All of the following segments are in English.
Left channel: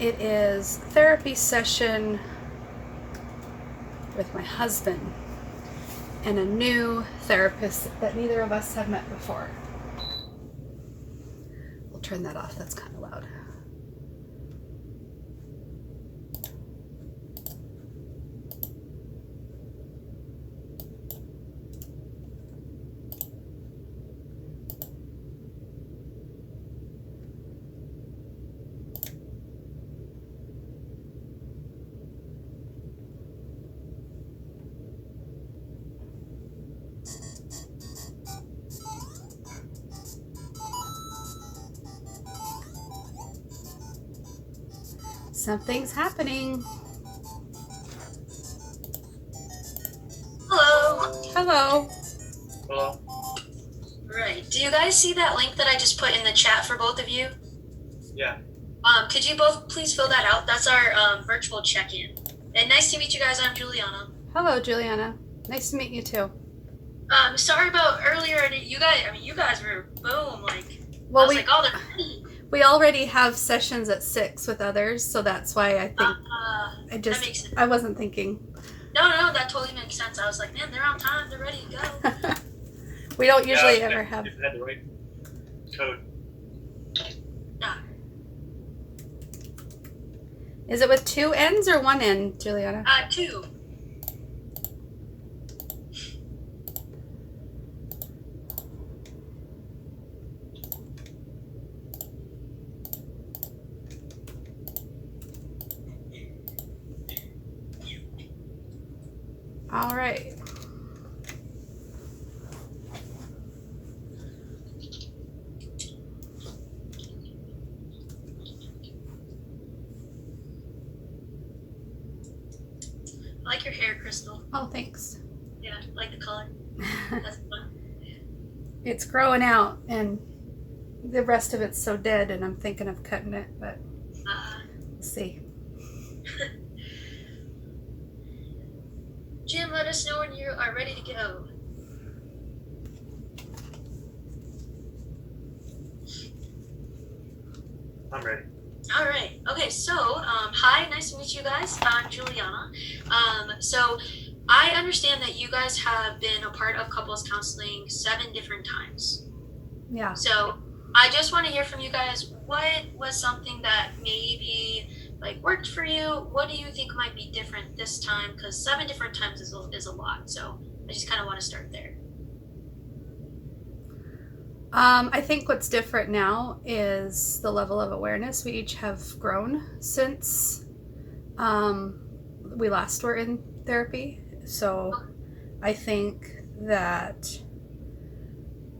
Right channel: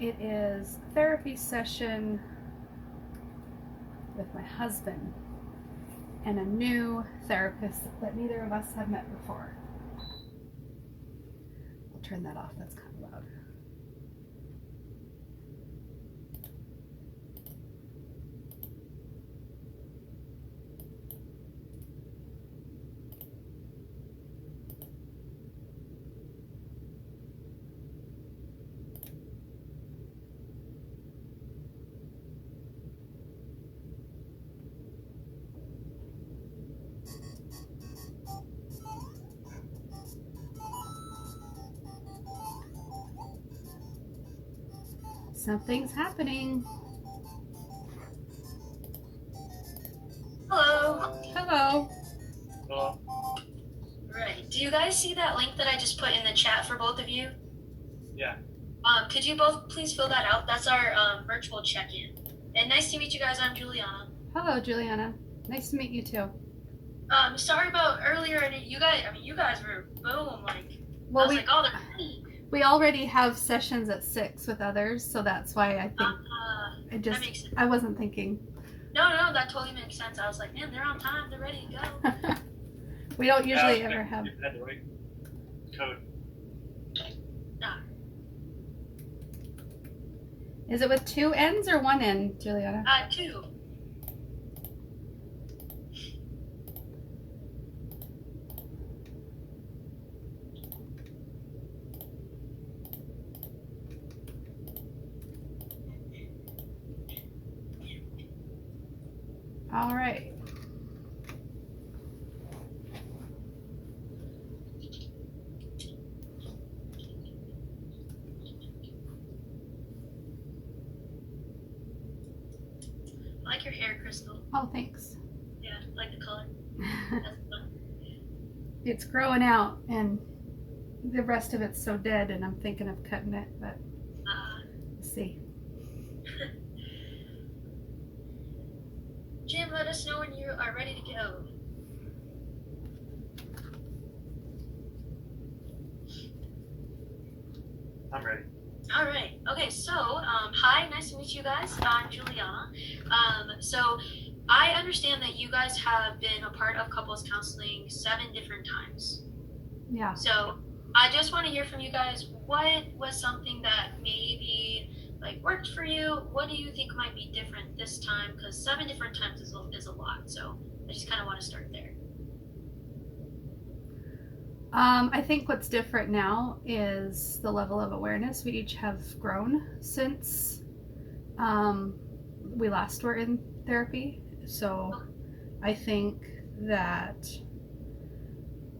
It is therapy session with my husband and a new therapist that neither of us have met before. We'll turn that off, that's kind of loud. Something's happening. Hello. Hello. Hello. Right. Do you guys see that link that I just put in the chat for both of you? Yeah. Could you both please fill that out? That's our virtual check-in. And nice to meet you guys. I'm Juliana. Hello, Juliana. Nice to meet you too. Sorry about earlier. And you guys were boom. Like, Well, I was like, oh, they're ready. We already have sessions at 6 with others, so that's why I think that makes sense. I wasn't thinking. No, that totally makes sense. I was like, man, they're on time. They're ready to go. We don't usually ever have. You had the right code. Is it with 2 N's or 1 N, Juliana? 2. All right. I like your hair, Crystal. Oh, thanks. Yeah, I like the color. That's fun. It's growing out, and the rest of it's so dead, and I'm thinking of cutting it, but we'll see. Jim, let us know when you are ready to go. I'm ready. All right. Okay. So, hi. Nice to meet you guys. I'm Juliana. So I understand that you guys have been a part of couples counseling 7 different times. Yeah. So I just want to hear from you guys. What was something that maybe like worked for you? What do you think might be different this time? Because 7 different times is a lot. So I just kind of want to start there. I think what's different now is the level of awareness. We each have grown since we last were in therapy. So I think that,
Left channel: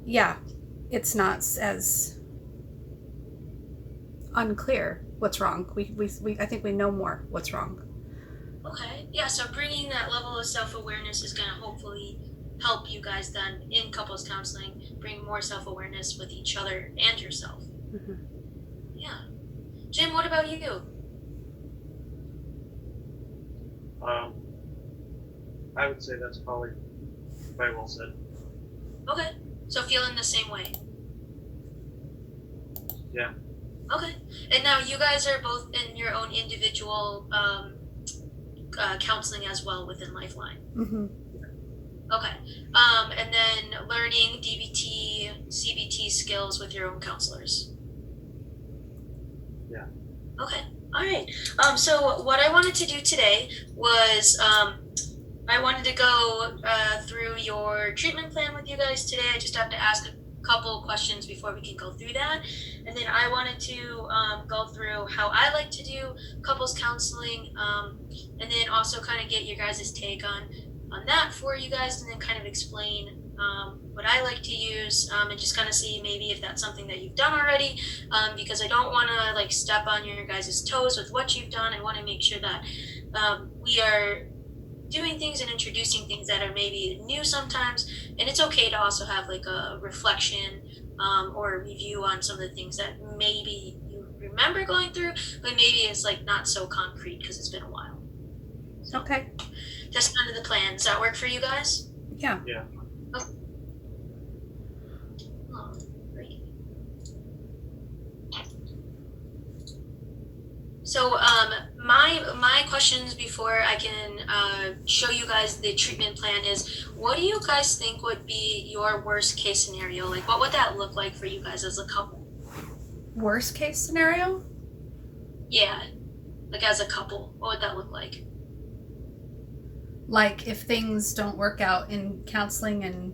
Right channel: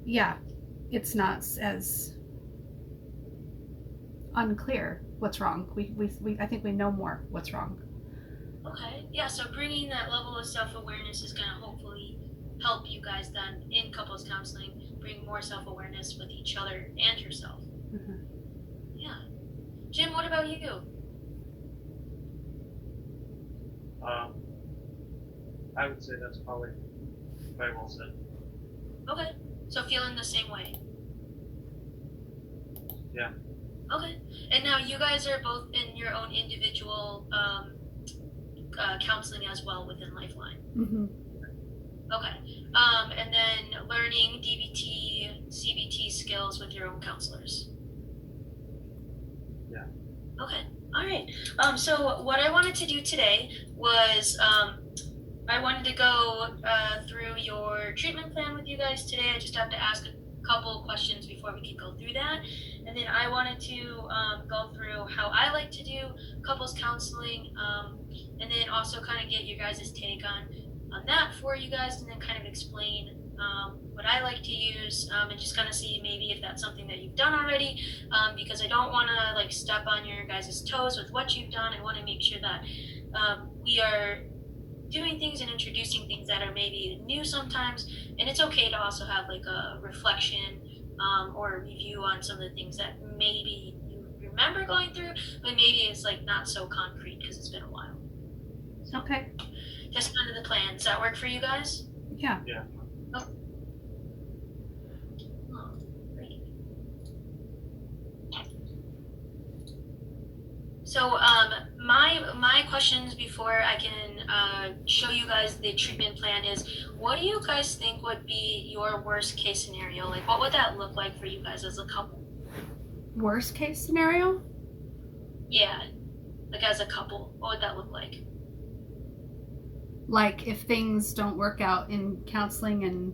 yeah, it's not as unclear what's wrong. I think we know more what's wrong. Okay. Yeah. So bringing that level of self-awareness is going to hopefully help you guys then in couples counseling bring more self-awareness with each other and yourself. Mm-hmm. Yeah. Jim, what about you? I would say that's probably quite well said. Okay. So feeling the same way. Yeah. Okay. And now you guys are both in your own individual counseling as well within Lifeline. Mm-hmm. Okay. And then learning DBT, CBT skills with your own counselors. Yeah. Okay. All right. So what I wanted to do today was I wanted to go through your treatment plan with you guys today. I just have to ask a couple questions before we can go through that. And then I wanted to go through how I like to do couples counseling, and then also kind of get your guys' take on that for you guys, and then kind of explain what I like to use, and just kind of see maybe if that's something that you've done already, because I don't want to like step on your guys' toes with what you've done. I want to make sure that we are doing things and introducing things that are maybe new sometimes, and it's okay to also have like a reflection or a review on some of the things that maybe you remember going through, but maybe it's like not so concrete because it's been a while. So, Okay. Just kind of the plan. Does that work for you guys? Yeah. Yeah. Oh. Great. So my questions before I can show you guys the treatment plan is, what do you guys think would be your worst case scenario? Like, what would that look like for you guys as a couple? Worst case scenario? Yeah, like as a couple, what would that look like? Like if things don't work out in counseling and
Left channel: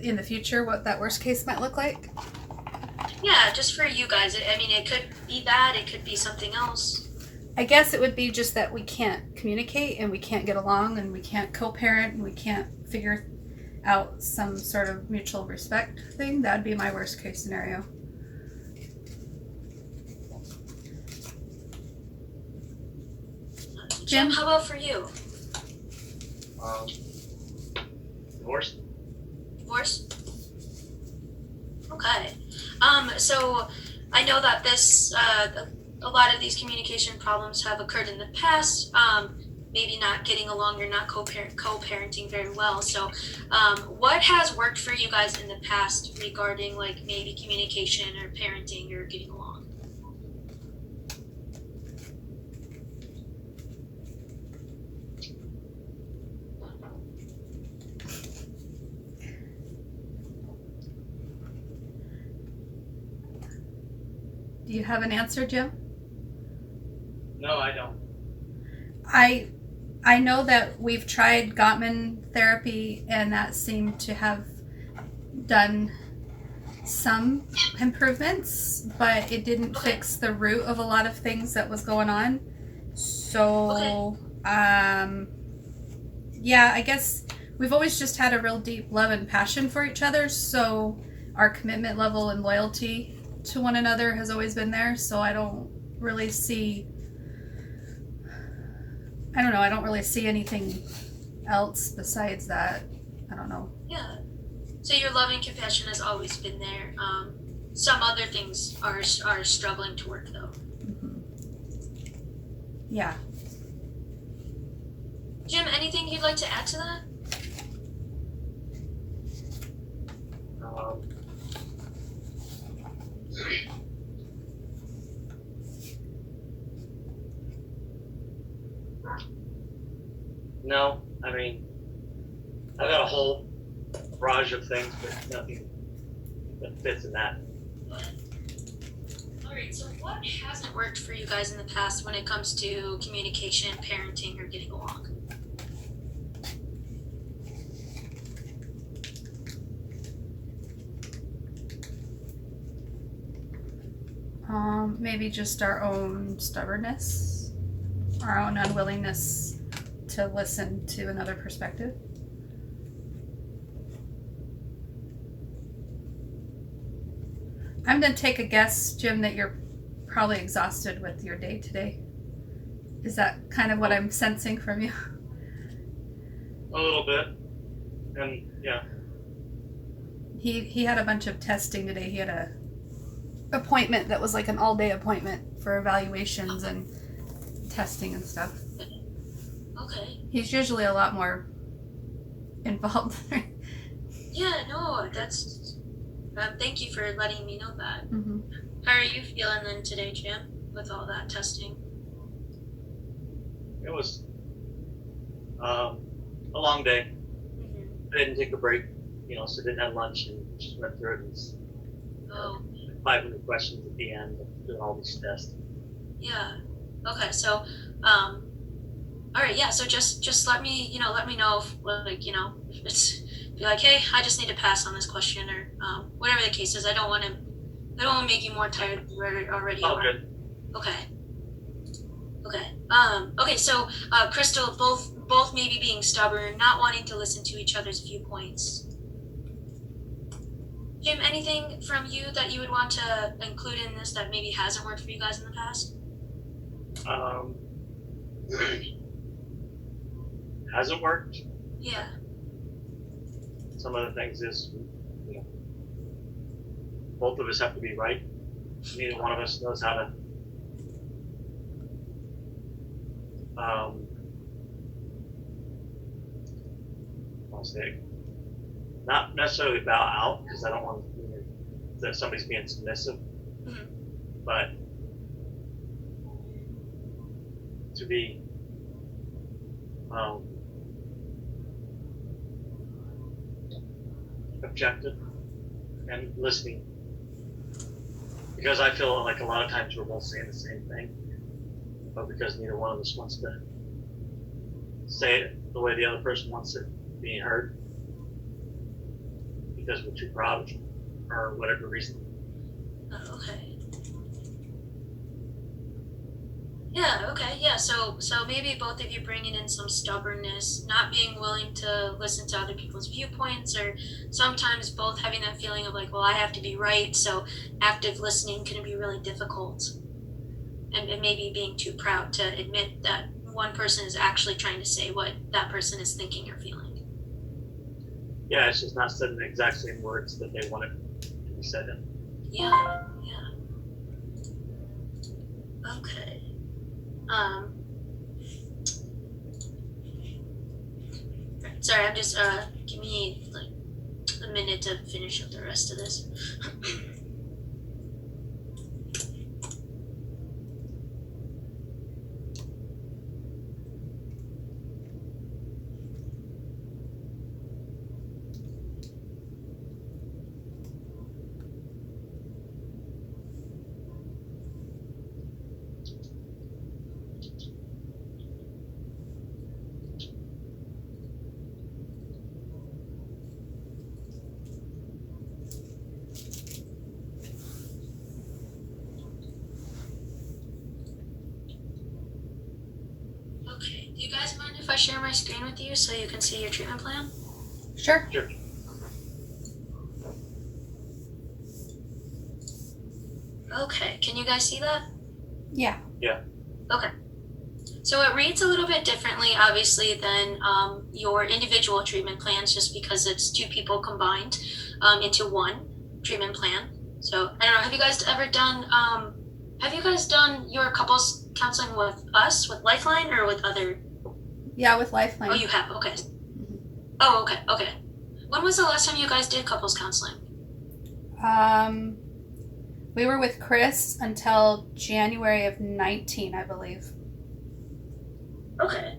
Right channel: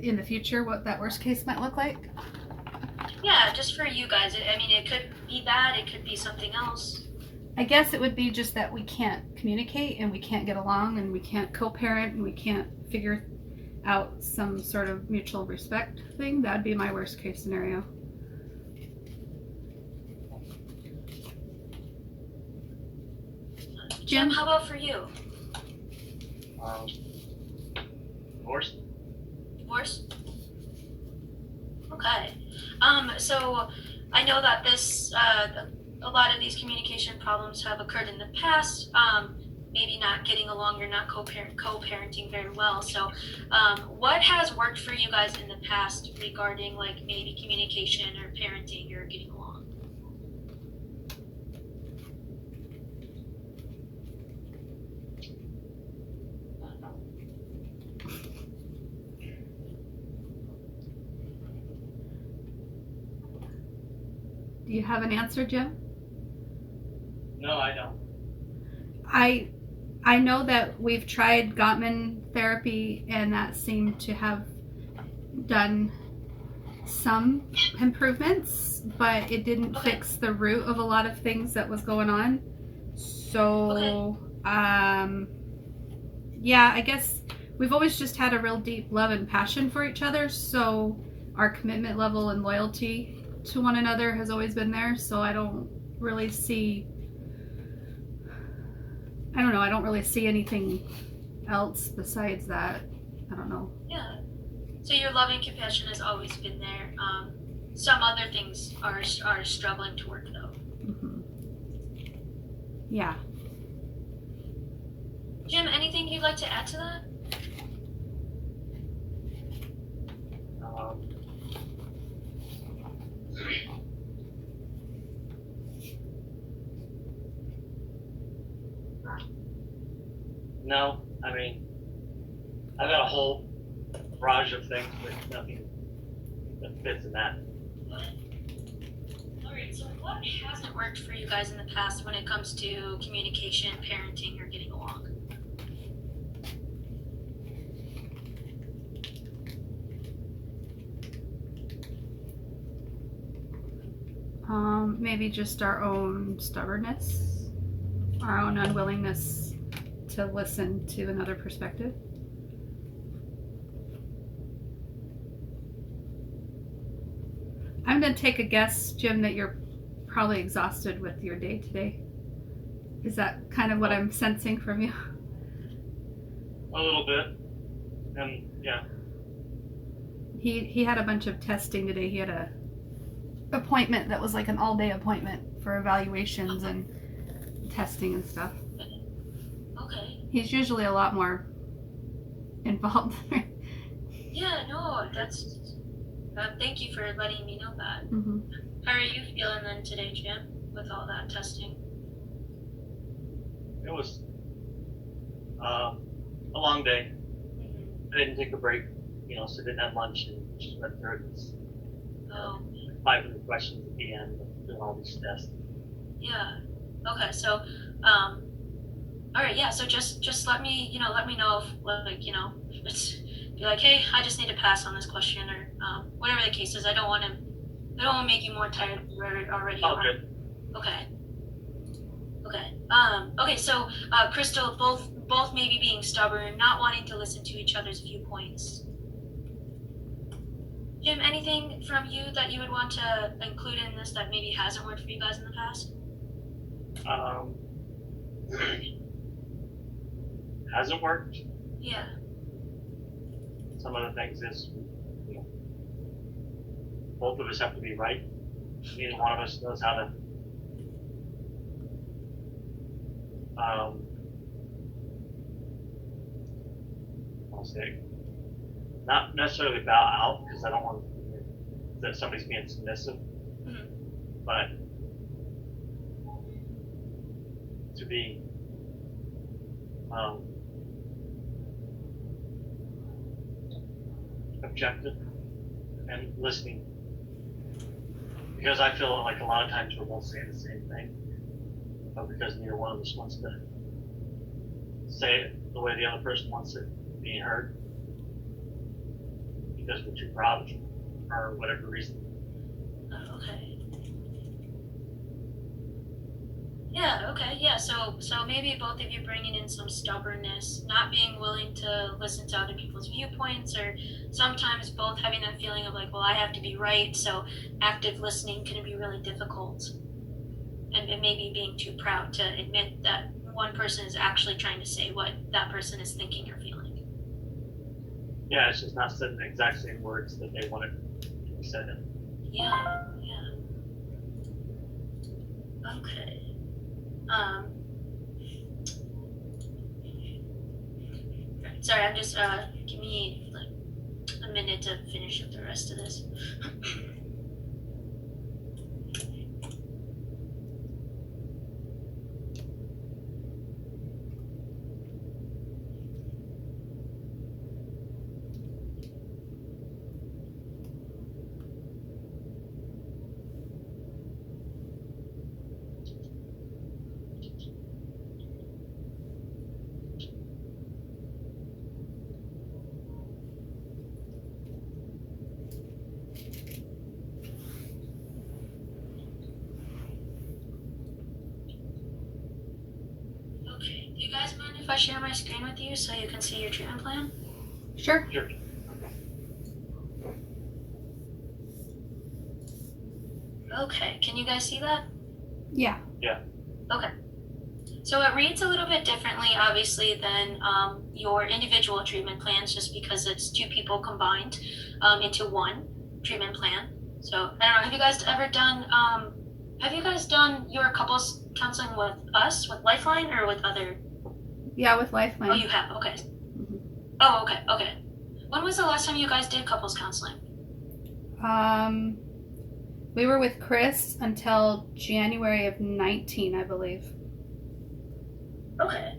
in the future, what that worst case might look like? Yeah, just for you guys. I mean, it could be that, it could be something else. I guess it would be just that we can't communicate and we can't get along and we can't co-parent and we can't figure out some sort of mutual respect thing. That'd be my worst case scenario. Jim, how about for you? Divorce? Divorce? Okay. So I know that this, a lot of these communication problems have occurred in the past. Maybe not getting along or not co-parenting very well. So, what has worked for you guys in the past regarding like maybe communication or parenting or getting along? Do you have an answer, Jim? No, I don't. I know that we've tried Gottman therapy and that seemed to have done some improvements, but it didn't Okay. fix the root of a lot of things that was going on. So, yeah, I guess we've always just had a real deep love and passion for each other. So our commitment level and loyalty to one another has always been there. So I don't really see anything else besides that. I don't know. Yeah. So your love and compassion has always been there. Some other things are struggling to work though. Mm-hmm. Yeah. Jim, anything you'd like to add to that? Um, no, I mean, I've got a whole barrage of things, but nothing that fits in that. Alright, so what hasn't worked for you guys in the past when it comes to communication, parenting, or getting along? Maybe just our own stubbornness, our own unwillingness to listen to another perspective. I'm going to take a guess, Jim, that you're probably exhausted with your day today. Is that kind of what I'm sensing from you? A little bit. And yeah, He had a bunch of testing today. He had a appointment that was like an all-day appointment for evaluations and testing and stuff. Okay. He's usually a lot more involved. Yeah, no, that's. Thank you for letting me know that. Mm-hmm. How are you feeling then today, Jim, with all that testing? it was a long day. Mm-hmm. I didn't take a break, so didn't have lunch and just went through it. It's, Oh, 500 questions at the end of doing all these tests. yeah. Okay, so, all right, yeah. So just let me know if if it's be like, hey, I just need to pass on this question or whatever the case is. I don't want to make you more tired than we already Oh, are. good. Okay. Okay. Okay. So, Crystal, both maybe being stubborn, not wanting to listen to each other's viewpoints. Jim, anything from you that you would want to include in this that maybe hasn't worked for you guys in the past? Hasn't worked. Yeah. Some of the things is, both of us have to be right. Neither one of us knows how to I'll say, not necessarily bow out, because I don't want that somebody's being submissive, Mhm. but to be objective and listening, because I feel like a lot of times we're both saying the same thing, but because neither one of us wants to say it the way the other person wants it being heard, because we're too proud or whatever reason. Okay. Yeah, okay, yeah, so maybe both of you bringing in some stubbornness, not being willing to listen to other people's viewpoints, or sometimes both having that feeling of like, well, I have to be right, so active listening can be really difficult. And maybe being too proud to admit that one person is actually trying to say what that person is thinking or feeling. Yeah, it's just not said in the exact same words that they want it to be said in. Yeah. Okay. Sorry, I'm just give me like a minute to finish up the rest of this. Okay, do you guys mind if I share my screen with you so you can see your treatment plan? Sure. Sure. Okay, can you guys see that? Yeah. Okay. So it reads a little bit differently, obviously, than your individual treatment plans, just because it's two people combined into one treatment plan. So I don't know. Have you guys ever done? Have you guys done your couples counseling with us, with Lifeline, or with other? Yeah, with Lifeline. Oh, you have. Okay. Oh, okay. Okay. When was the last time you guys did couples counseling? We were with Chris until January of 19, I believe. Okay.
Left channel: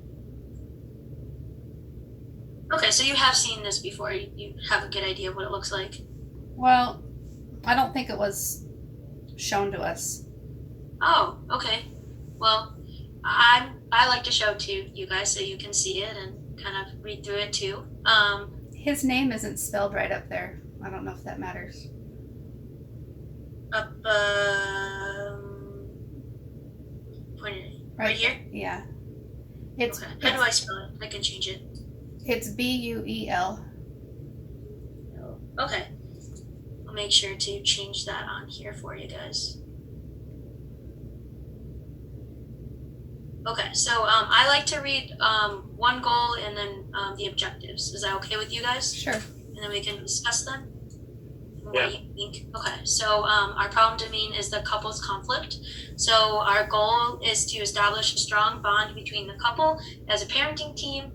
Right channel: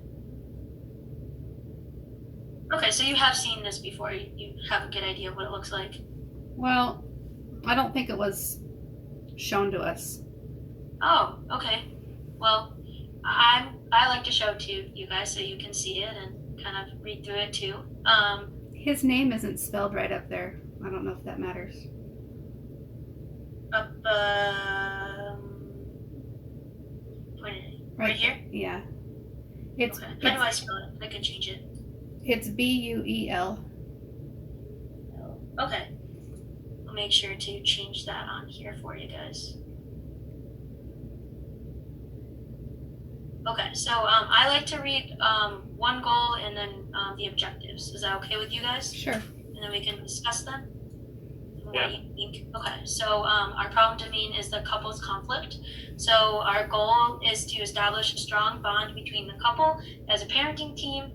Okay, so you have seen this before. You have a good idea of what it looks like. Well, I don't think it was shown to us. Oh, okay. Well, I like to show it to you guys so you can see it and kind of read through it too. His name isn't spelled right up there. I don't know if that matters. Up, pointed right here. Yeah. It's Okay. How do I spell it? I can change it. it's Buel. Okay. I'll make sure to change that on here for you guys. Okay, so I like to read one goal and then the objectives. Is that okay with you guys? Sure. And then we can discuss them. Yeah. What do you think? Okay, so our problem domain is the couple's conflict. So our goal is to establish a strong bond between the couple as a parenting team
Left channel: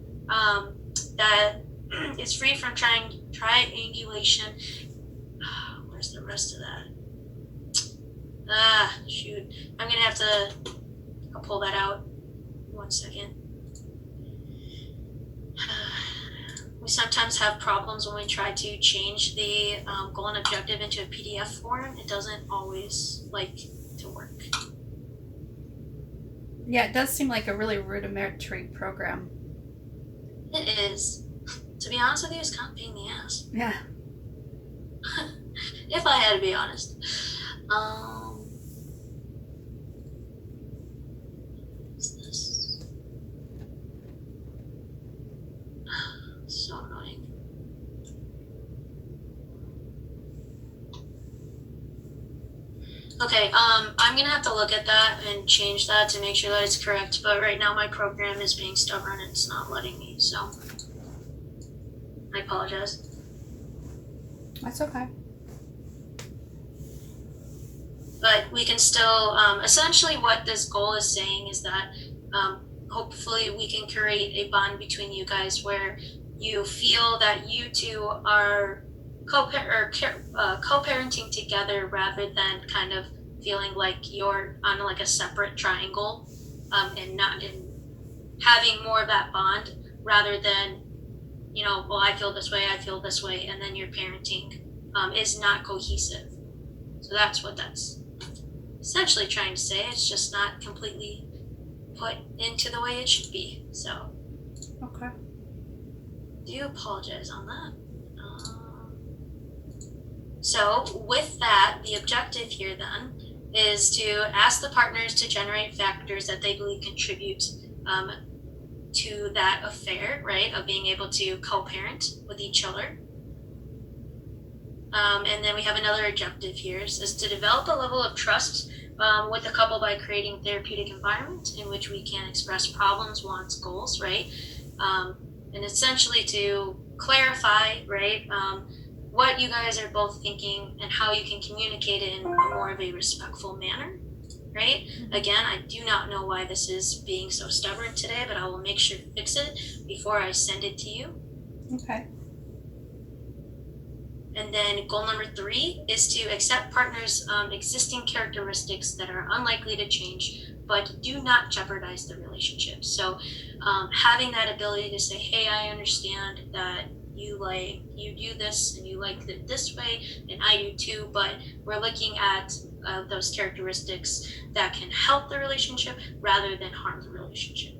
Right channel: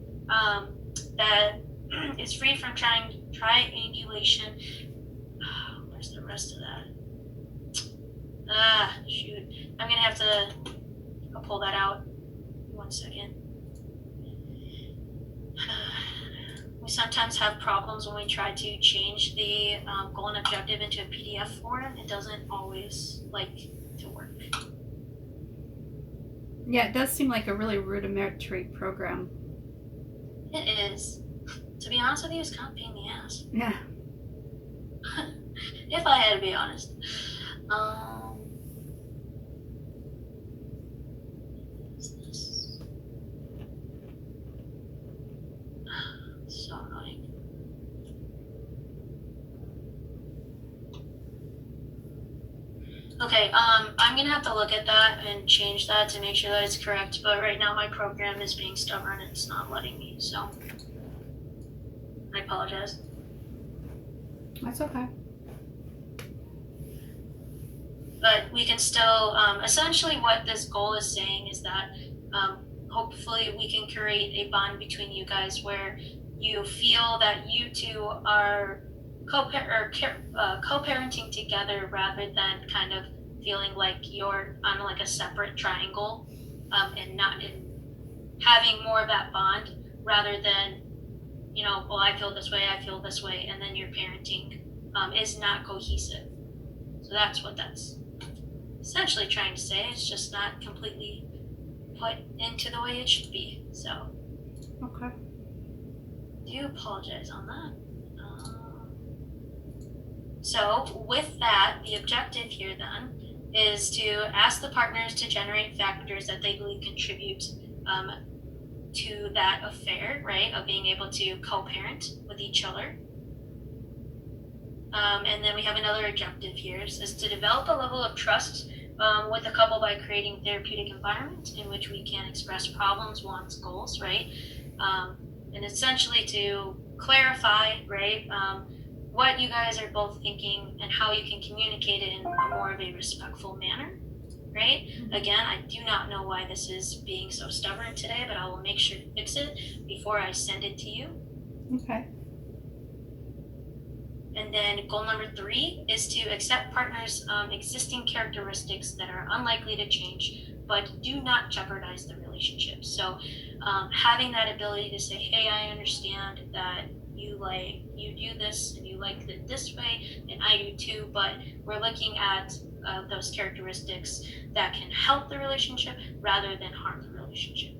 that is free from triangulation. Where's the rest of that? Shoot. I'm gonna have to pull that out. 1 second. We sometimes have problems when we try to change the goal and objective into a PDF form. It doesn't always like to work. Yeah, it does seem like a really rudimentary program. It is. To be honest with you, it's kind of a pain in the ass. Yeah. If I had to be honest. What's this? So annoying. Okay, I'm gonna have to look at that and change that to make sure that it's correct, but right now my program is being stubborn and it's not letting me, so I apologize. That's okay. But we can still, essentially what this goal is saying is that hopefully we can create a bond between you guys where you feel that you two are co-parenting together rather than kind of feeling like you're on like a separate triangle. and not in having more of that bond rather than, well, I feel this way, and then your parenting is not cohesive. So that's what that's essentially trying to say. It's just not completely put into the way it should be. So, Okay. do apologize on that. So, with that, the objective here then is to ask the partners to generate factors that they believe contribute to that affair, right, of being able to co-parent with each other. And then we have another objective here is to develop a level of trust with the couple by creating therapeutic environment in which we can express problems, wants, goals, right? And essentially to clarify, right, what you guys are both thinking and how you can communicate it in a more of a respectful manner, right? Again, I do not know why this is being so stubborn today, but I will make sure to fix it before I send it to you. Okay. And then goal number 3 is to accept partners' existing characteristics that are unlikely to change, but do not jeopardize the relationship. So having that ability to say, hey, I understand that you do this and you like it this way, and I do too, but we're looking at those characteristics that can help the relationship rather than harm the relationship.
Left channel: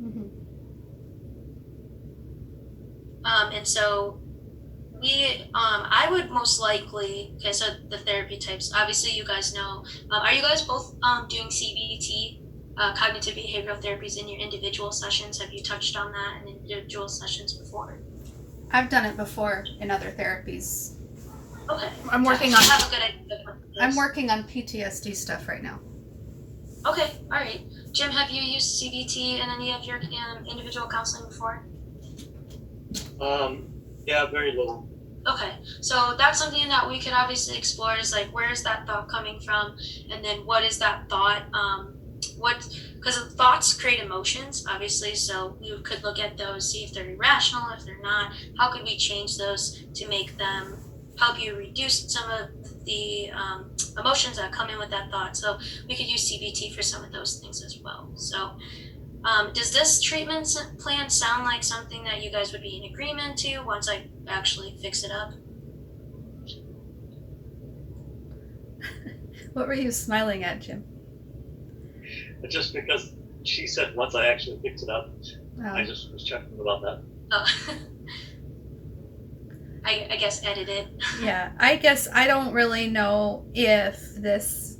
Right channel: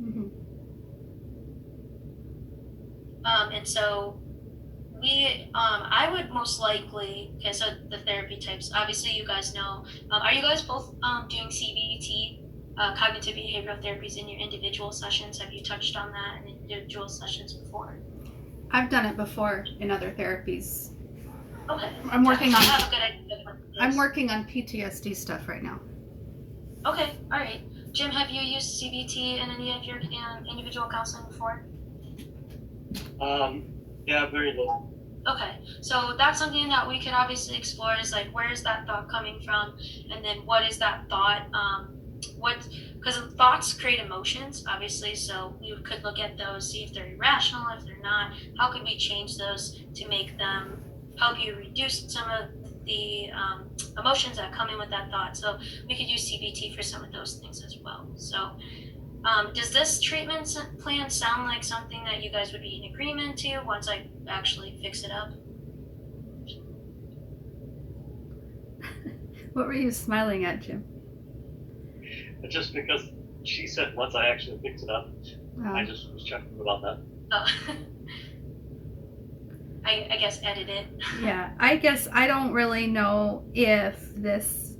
Mm-hmm. And so I would most likely, okay, so the therapy types, obviously you guys know, are you guys both doing CBT, cognitive behavioral therapies in your individual sessions? Have you touched on that in individual sessions before? I've done it before in other therapies. Okay. I'm working on. Have a good idea of what it is. I'm working on PTSD stuff right now. Okay, all right. Jim, have you used CBT in any of your individual counseling before? Yeah, very little. Okay, so that's something that we could obviously explore is like, where is that thought coming from? And then what is that thought? Because thoughts create emotions, obviously, so you could look at those, see if they're irrational, if they're not. How could we change those to make them help you reduce some of the emotions that come in with that thought? So we could use CBT for some of those things as well. So does this treatment plan sound like something that you guys would be in agreement to once I actually fix it up? What were you smiling at, Jim? Just because she said once I actually fix it up, I Oh. just was checking about that. Oh. I guess edit it. Yeah, I guess I don't really know if this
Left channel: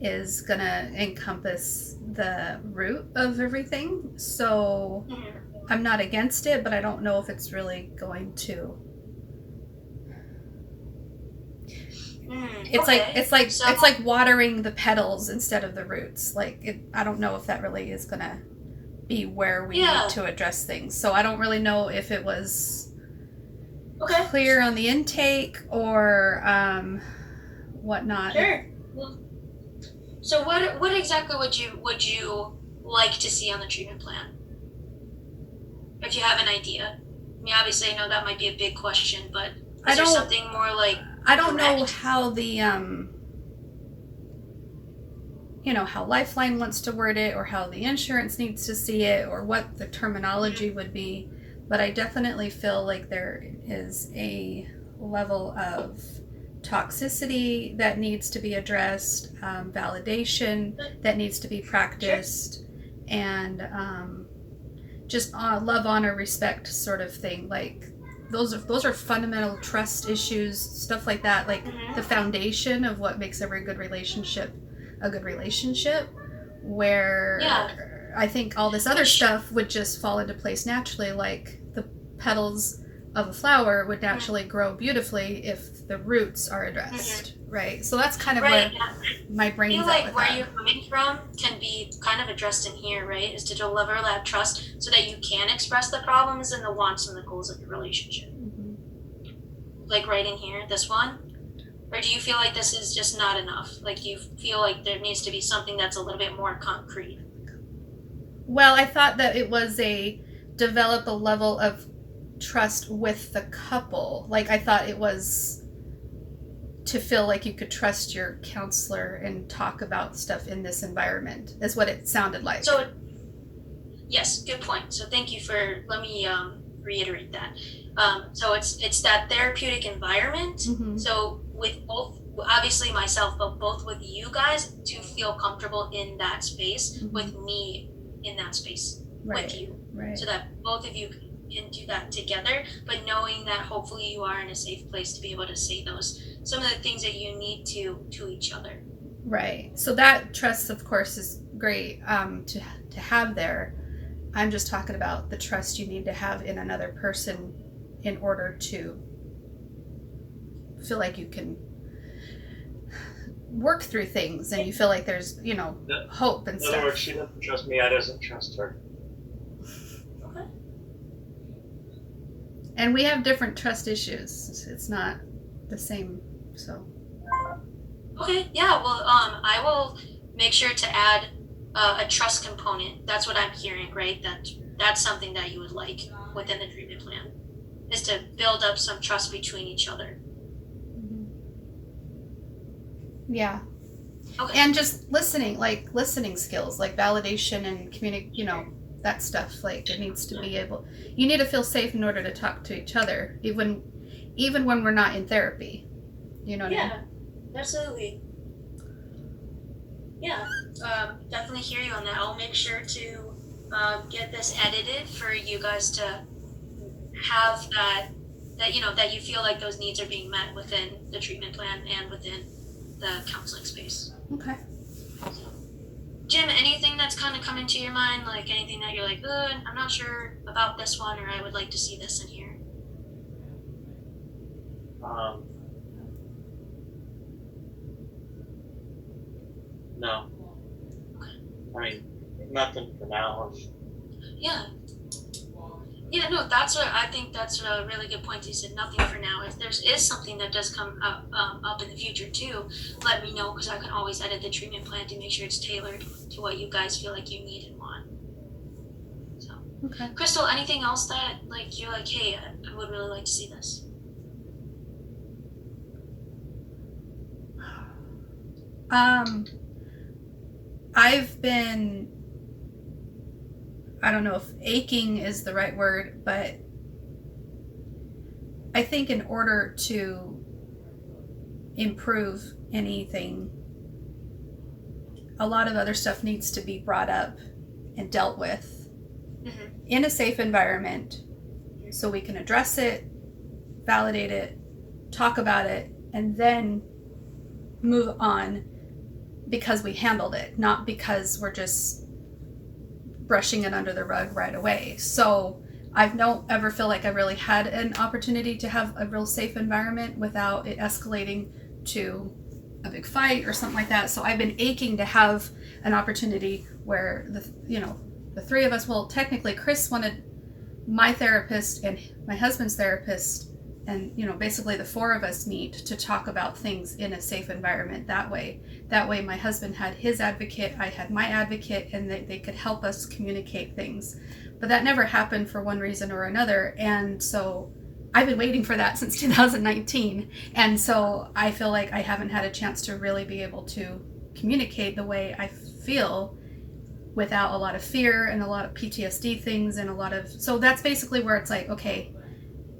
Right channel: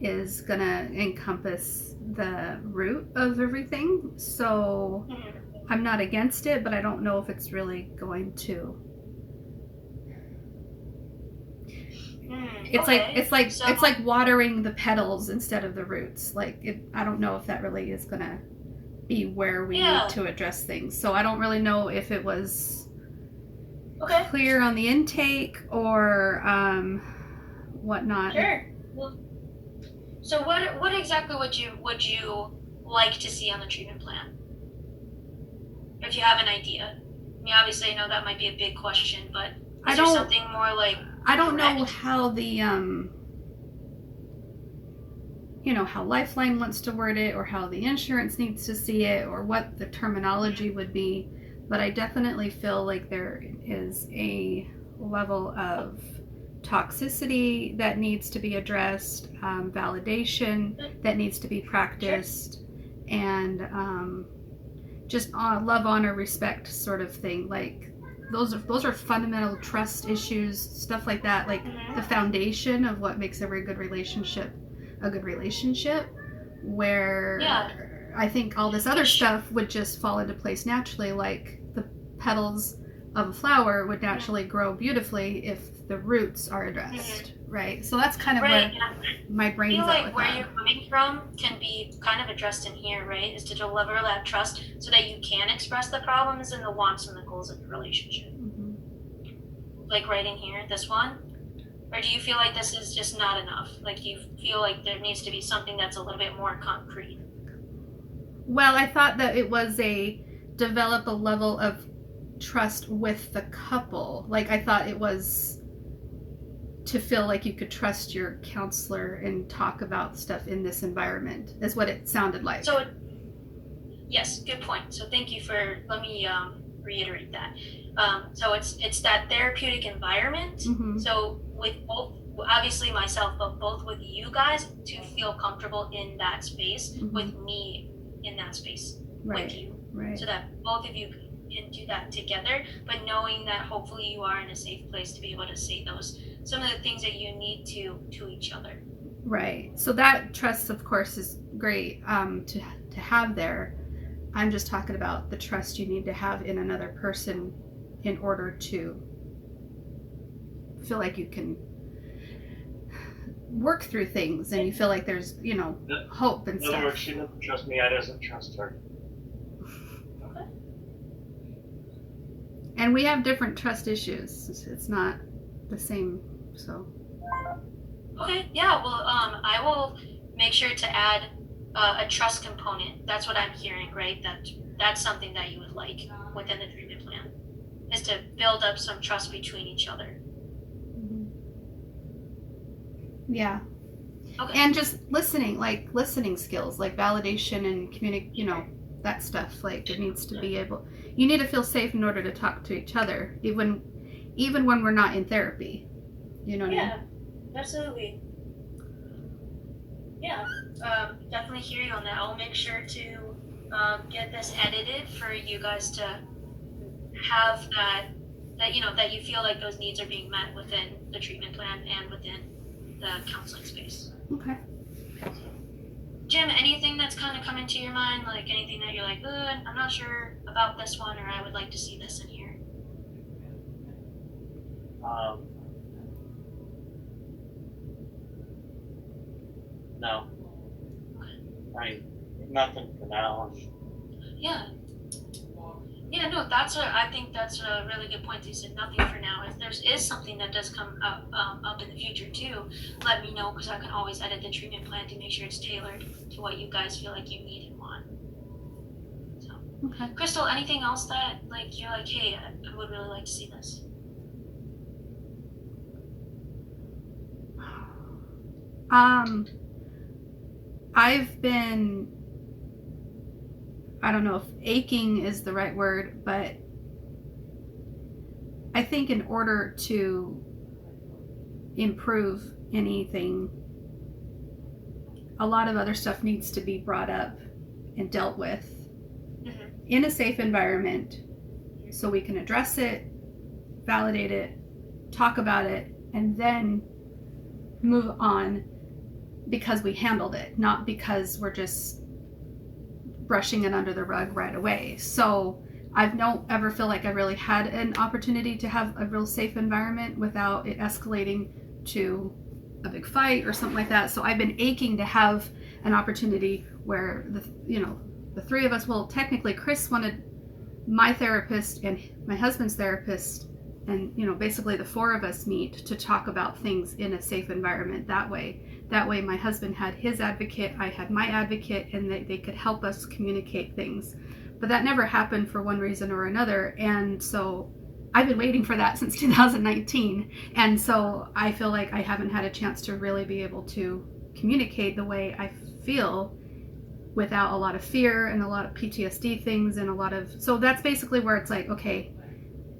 is gonna encompass the root of everything, so I'm not against it, but I don't know if it's really going to. It's like watering the petals instead of the roots. I don't know if that really is gonna be where we need to address things. So I don't really know if it was clear on the intake or whatnot. Sure. Well, so what exactly would you like to see on the treatment plan? If you have an idea. I mean, obviously I know that might be a big question, but is there something more like I don't know direct? how the how Lifeline wants to word it, or how the insurance needs to see it, or what the terminology would be, but I definitely feel like there is a level of toxicity that needs to be addressed, validation that needs to be practiced, and just love, honor, respect sort of thing. Like those are fundamental trust issues, stuff like that, like the foundation of what makes every good relationship a good relationship, where I think all this other stuff would just fall into place naturally, like the petals of a flower would naturally grow beautifully if the roots are addressed, right? So that's kind of where my brain's I feel at like with where that. you're coming from can be kind of addressed in here, right? Is to deliver that trust so that you can express the problems and the wants and the goals of the relationship. Mhm. Like right in here, this one? Or do you feel like this is just not enough? Like, do you feel like there needs to be something that's a little bit more concrete? Well, I thought that it was develop a level of trust with the couple. Like, I thought it was to feel like you could trust your counselor and talk about stuff in this environment, is what it sounded like. So, yes, good point. So thank you for, let me reiterate that. So it's that therapeutic environment. Mhm. So with both, obviously myself, but both with you guys to feel comfortable in that space, Mhm. with me in that space Right. with you. Right. So that both of you can do that together, but knowing that hopefully you are in a safe place to be able to say some of the things that you need to each other. Right. So that trust, of course, is great to have there. I'm just talking about the trust you need to have in another person in order to feel like you can work through things and you feel like there's, hope and In other stuff. words, she doesn't trust me, I doesn't trust her. Okay. And we have different trust issues. It's not the same, so. Okay, yeah, well, I will make sure to add a trust component. That's what I'm hearing, right? That's something that you would like within the treatment plan, is to build up some trust between each other. Yeah. Okay. And just listening skills, like validation and that stuff. Like it needs to be you need to feel safe in order to talk to each other, even when we're not in therapy. You know what I mean? Yeah, absolutely. Yeah, definitely hear you on that. I'll make sure to get this edited for you guys to have that you feel like those needs are being met within the treatment plan and within the counseling space. Okay. Jim, anything that's kind of come into your mind, like anything that you're like, I'm not sure about this one, or I would like to see this in here? No. Okay. I mean, nothing for now. Yeah. Yeah, no, I think that's a really good point. You said nothing for now. If there is something that does come up in the future too, let me know, because I can always edit the treatment plan to make sure it's tailored to what you guys feel like you need and want. So, Okay. Crystal, anything else that like you're like, hey, I would really like to see this? I've been, I don't know if aching is the right word, but I think in order to improve anything, a lot of other stuff needs to be brought up and dealt with in a safe environment so we can address it, validate it, talk about it, and then move on because we handled it, not because we're just brushing it under the rug right away. So I don't ever feel like I really had an opportunity to have a real safe environment without it escalating to a big fight or something like that. So I've been aching to have an opportunity where the three of us, well, technically Chris wanted my therapist and my husband's therapist, and basically the four of us meet to talk about things in a safe environment. That way my husband had his advocate, I had my advocate, and they could help us communicate things. But that never happened for one reason or another, and so I've been waiting for that since 2019, and so I feel like I haven't had a chance to really be able to communicate the way I feel without a lot of fear and a lot of PTSD things and so that's basically where it's like, okay,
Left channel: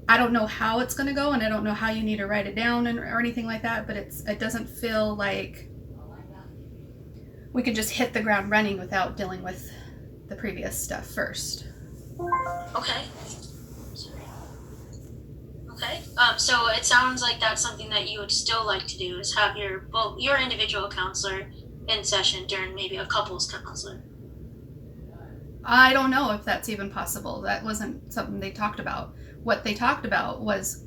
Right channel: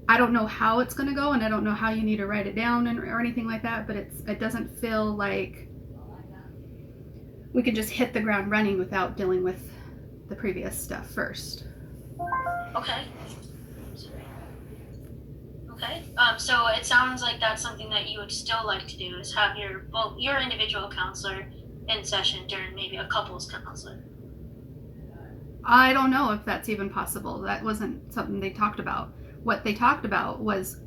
I don't know how it's going to go, and I don't know how you need to write it down or anything like that, but it doesn't feel like we can just hit the ground running without dealing with the previous stuff first. Okay. Okay. So it sounds like that's something that you would still like to do, is have your individual counselor in session during maybe a couples counselor. I don't know if that's even possible. That wasn't something they talked about. What they talked about was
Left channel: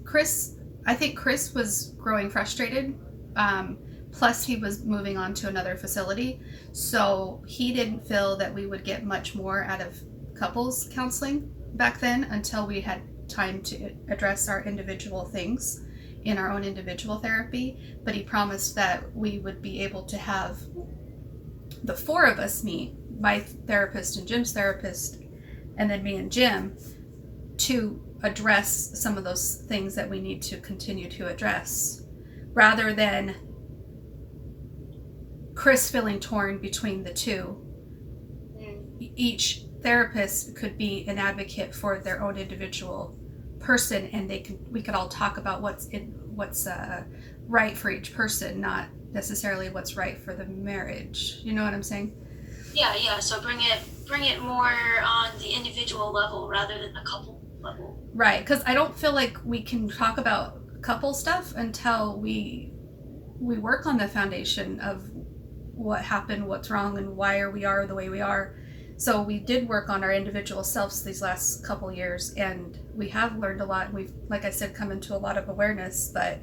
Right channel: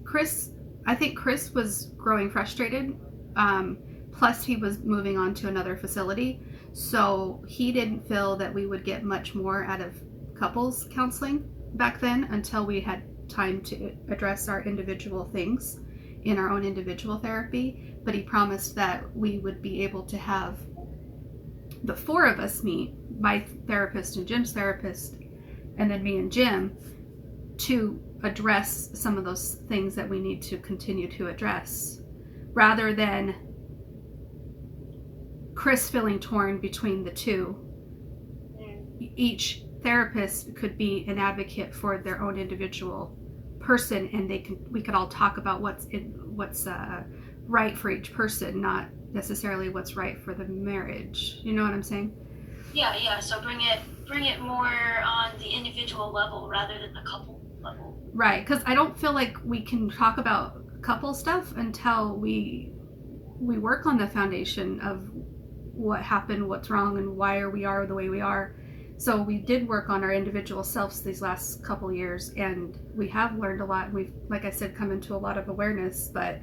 I think Chris was growing frustrated. Plus he was moving on to another facility. So he didn't feel that we would get much more out of couples counseling back then until we had time to address our individual things in our own individual therapy. But he promised that we would be able to have the four of us meet, my therapist and Jim's therapist, and then me and Jim, to address some of those things that we need to continue to address. rather than Chris feeling torn between the two. Each therapist could be an advocate for their own individual person, and we could all talk about what's right for each person, not necessarily what's right for the marriage. You know what I'm saying? Yeah. So bring it more on the individual level rather than the couple level. Right, because I don't feel like we can talk about couple stuff until we work on the foundation of what happened, what's wrong, and why we are the way we are. So we did work on our individual selves these last couple years, and we have learned a lot. And we've, like I said, come into a lot of awareness, but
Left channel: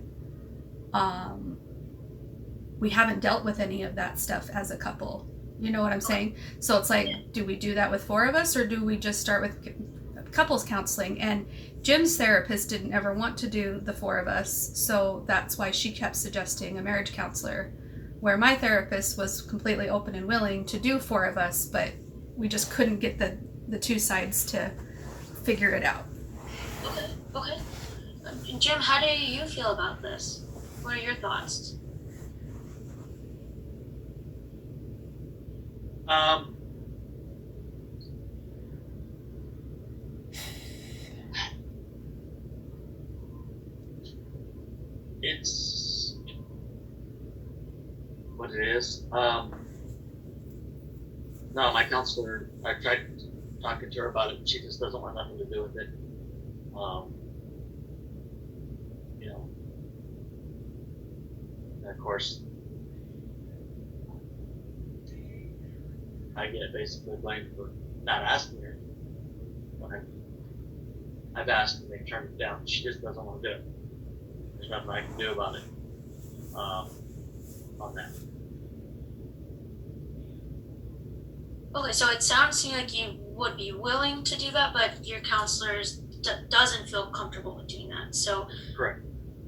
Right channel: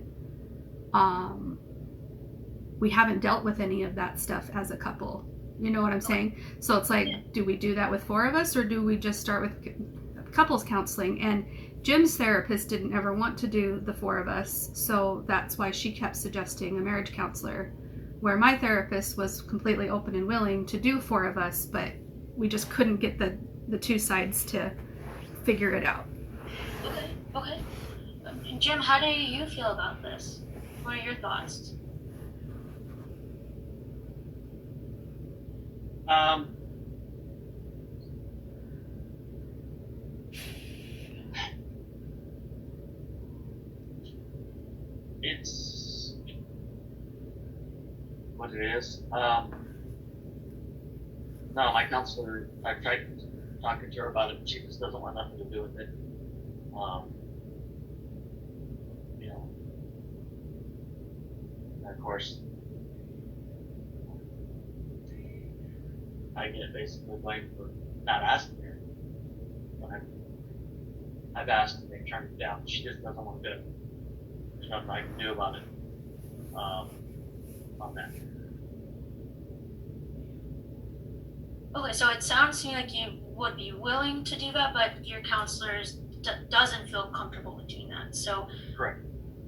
we haven't dealt with any of that stuff as a couple. You know what I'm saying? So it's like, do we do that with 4 of us, or do we just start with couples counseling? And Jim's therapist didn't ever want to do the 4 of us, so that's why she kept suggesting a marriage counselor, where my therapist was completely open and willing to do 4 of us, but we just couldn't get the 2 sides to figure it out. Okay. Jim, how do you feel about this? What are your thoughts? It's what it is. No, my counselor, I tried talking to her about it, and she just doesn't want nothing to do with it. You know, and of course, I get basically blamed for not asking her. But I've asked and they turned it down. She just doesn't want to do it. There's nothing I can do about it on that. Okay, so it sounds to me like you would be willing to do that, but your counselor doesn't feel comfortable with doing that. So Correct.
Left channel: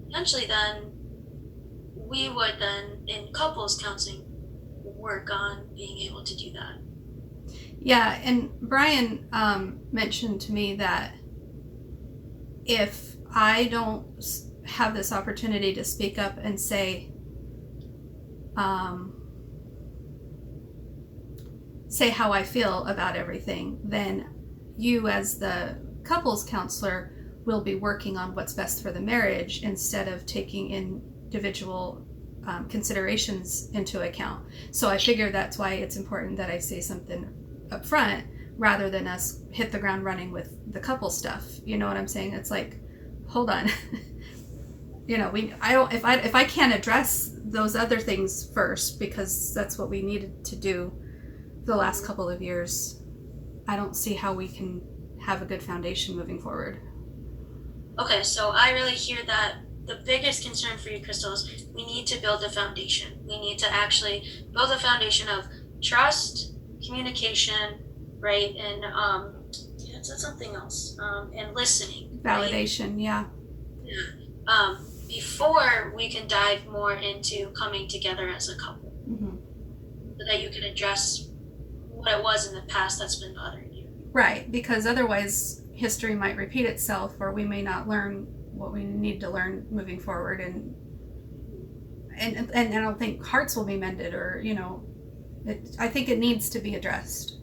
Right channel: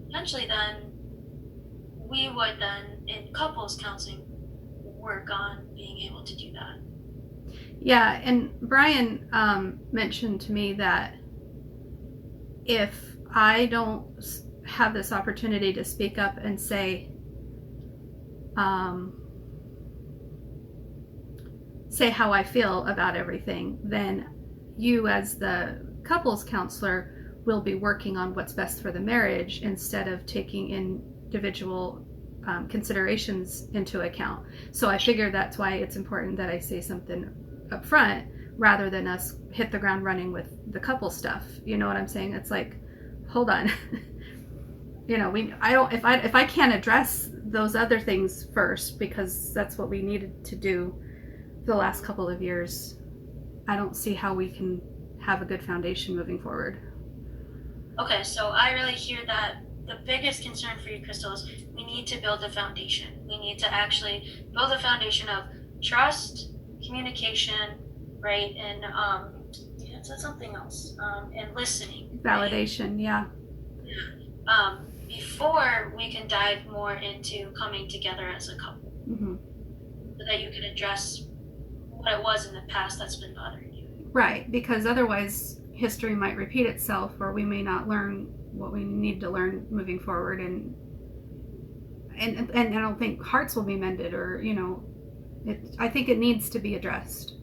Potentially then, we would then, in couples counseling, work on being able to do that. Yeah, and Brian mentioned to me that if I don't have this opportunity to speak up and say how I feel about everything, then you as the couples counselor will be working on what's best for the marriage instead of taking individual considerations into account. So I figure that's why it's important that I say something up front rather than us hit the ground running with the couple stuff. You know what I'm saying? It's like, hold on. You know, if I can't address those other things first, because that's what we needed to do the last couple of years, I don't see how we can have a good foundation moving forward. Okay, so I really hear that the biggest concern for you, Crystal, is we need to build a foundation. We need to actually build a foundation of trust, communication, right? And that's something else. And listening. Validation, right? Yeah. Before we can dive more into coming together as a couple. Mm-hmm. So that you can address what it was in the past that's been bothering you. Right, because otherwise history might repeat itself, or we may not learn what we need to learn moving forward, and I don't think hearts will be mended, or I think it needs to be addressed.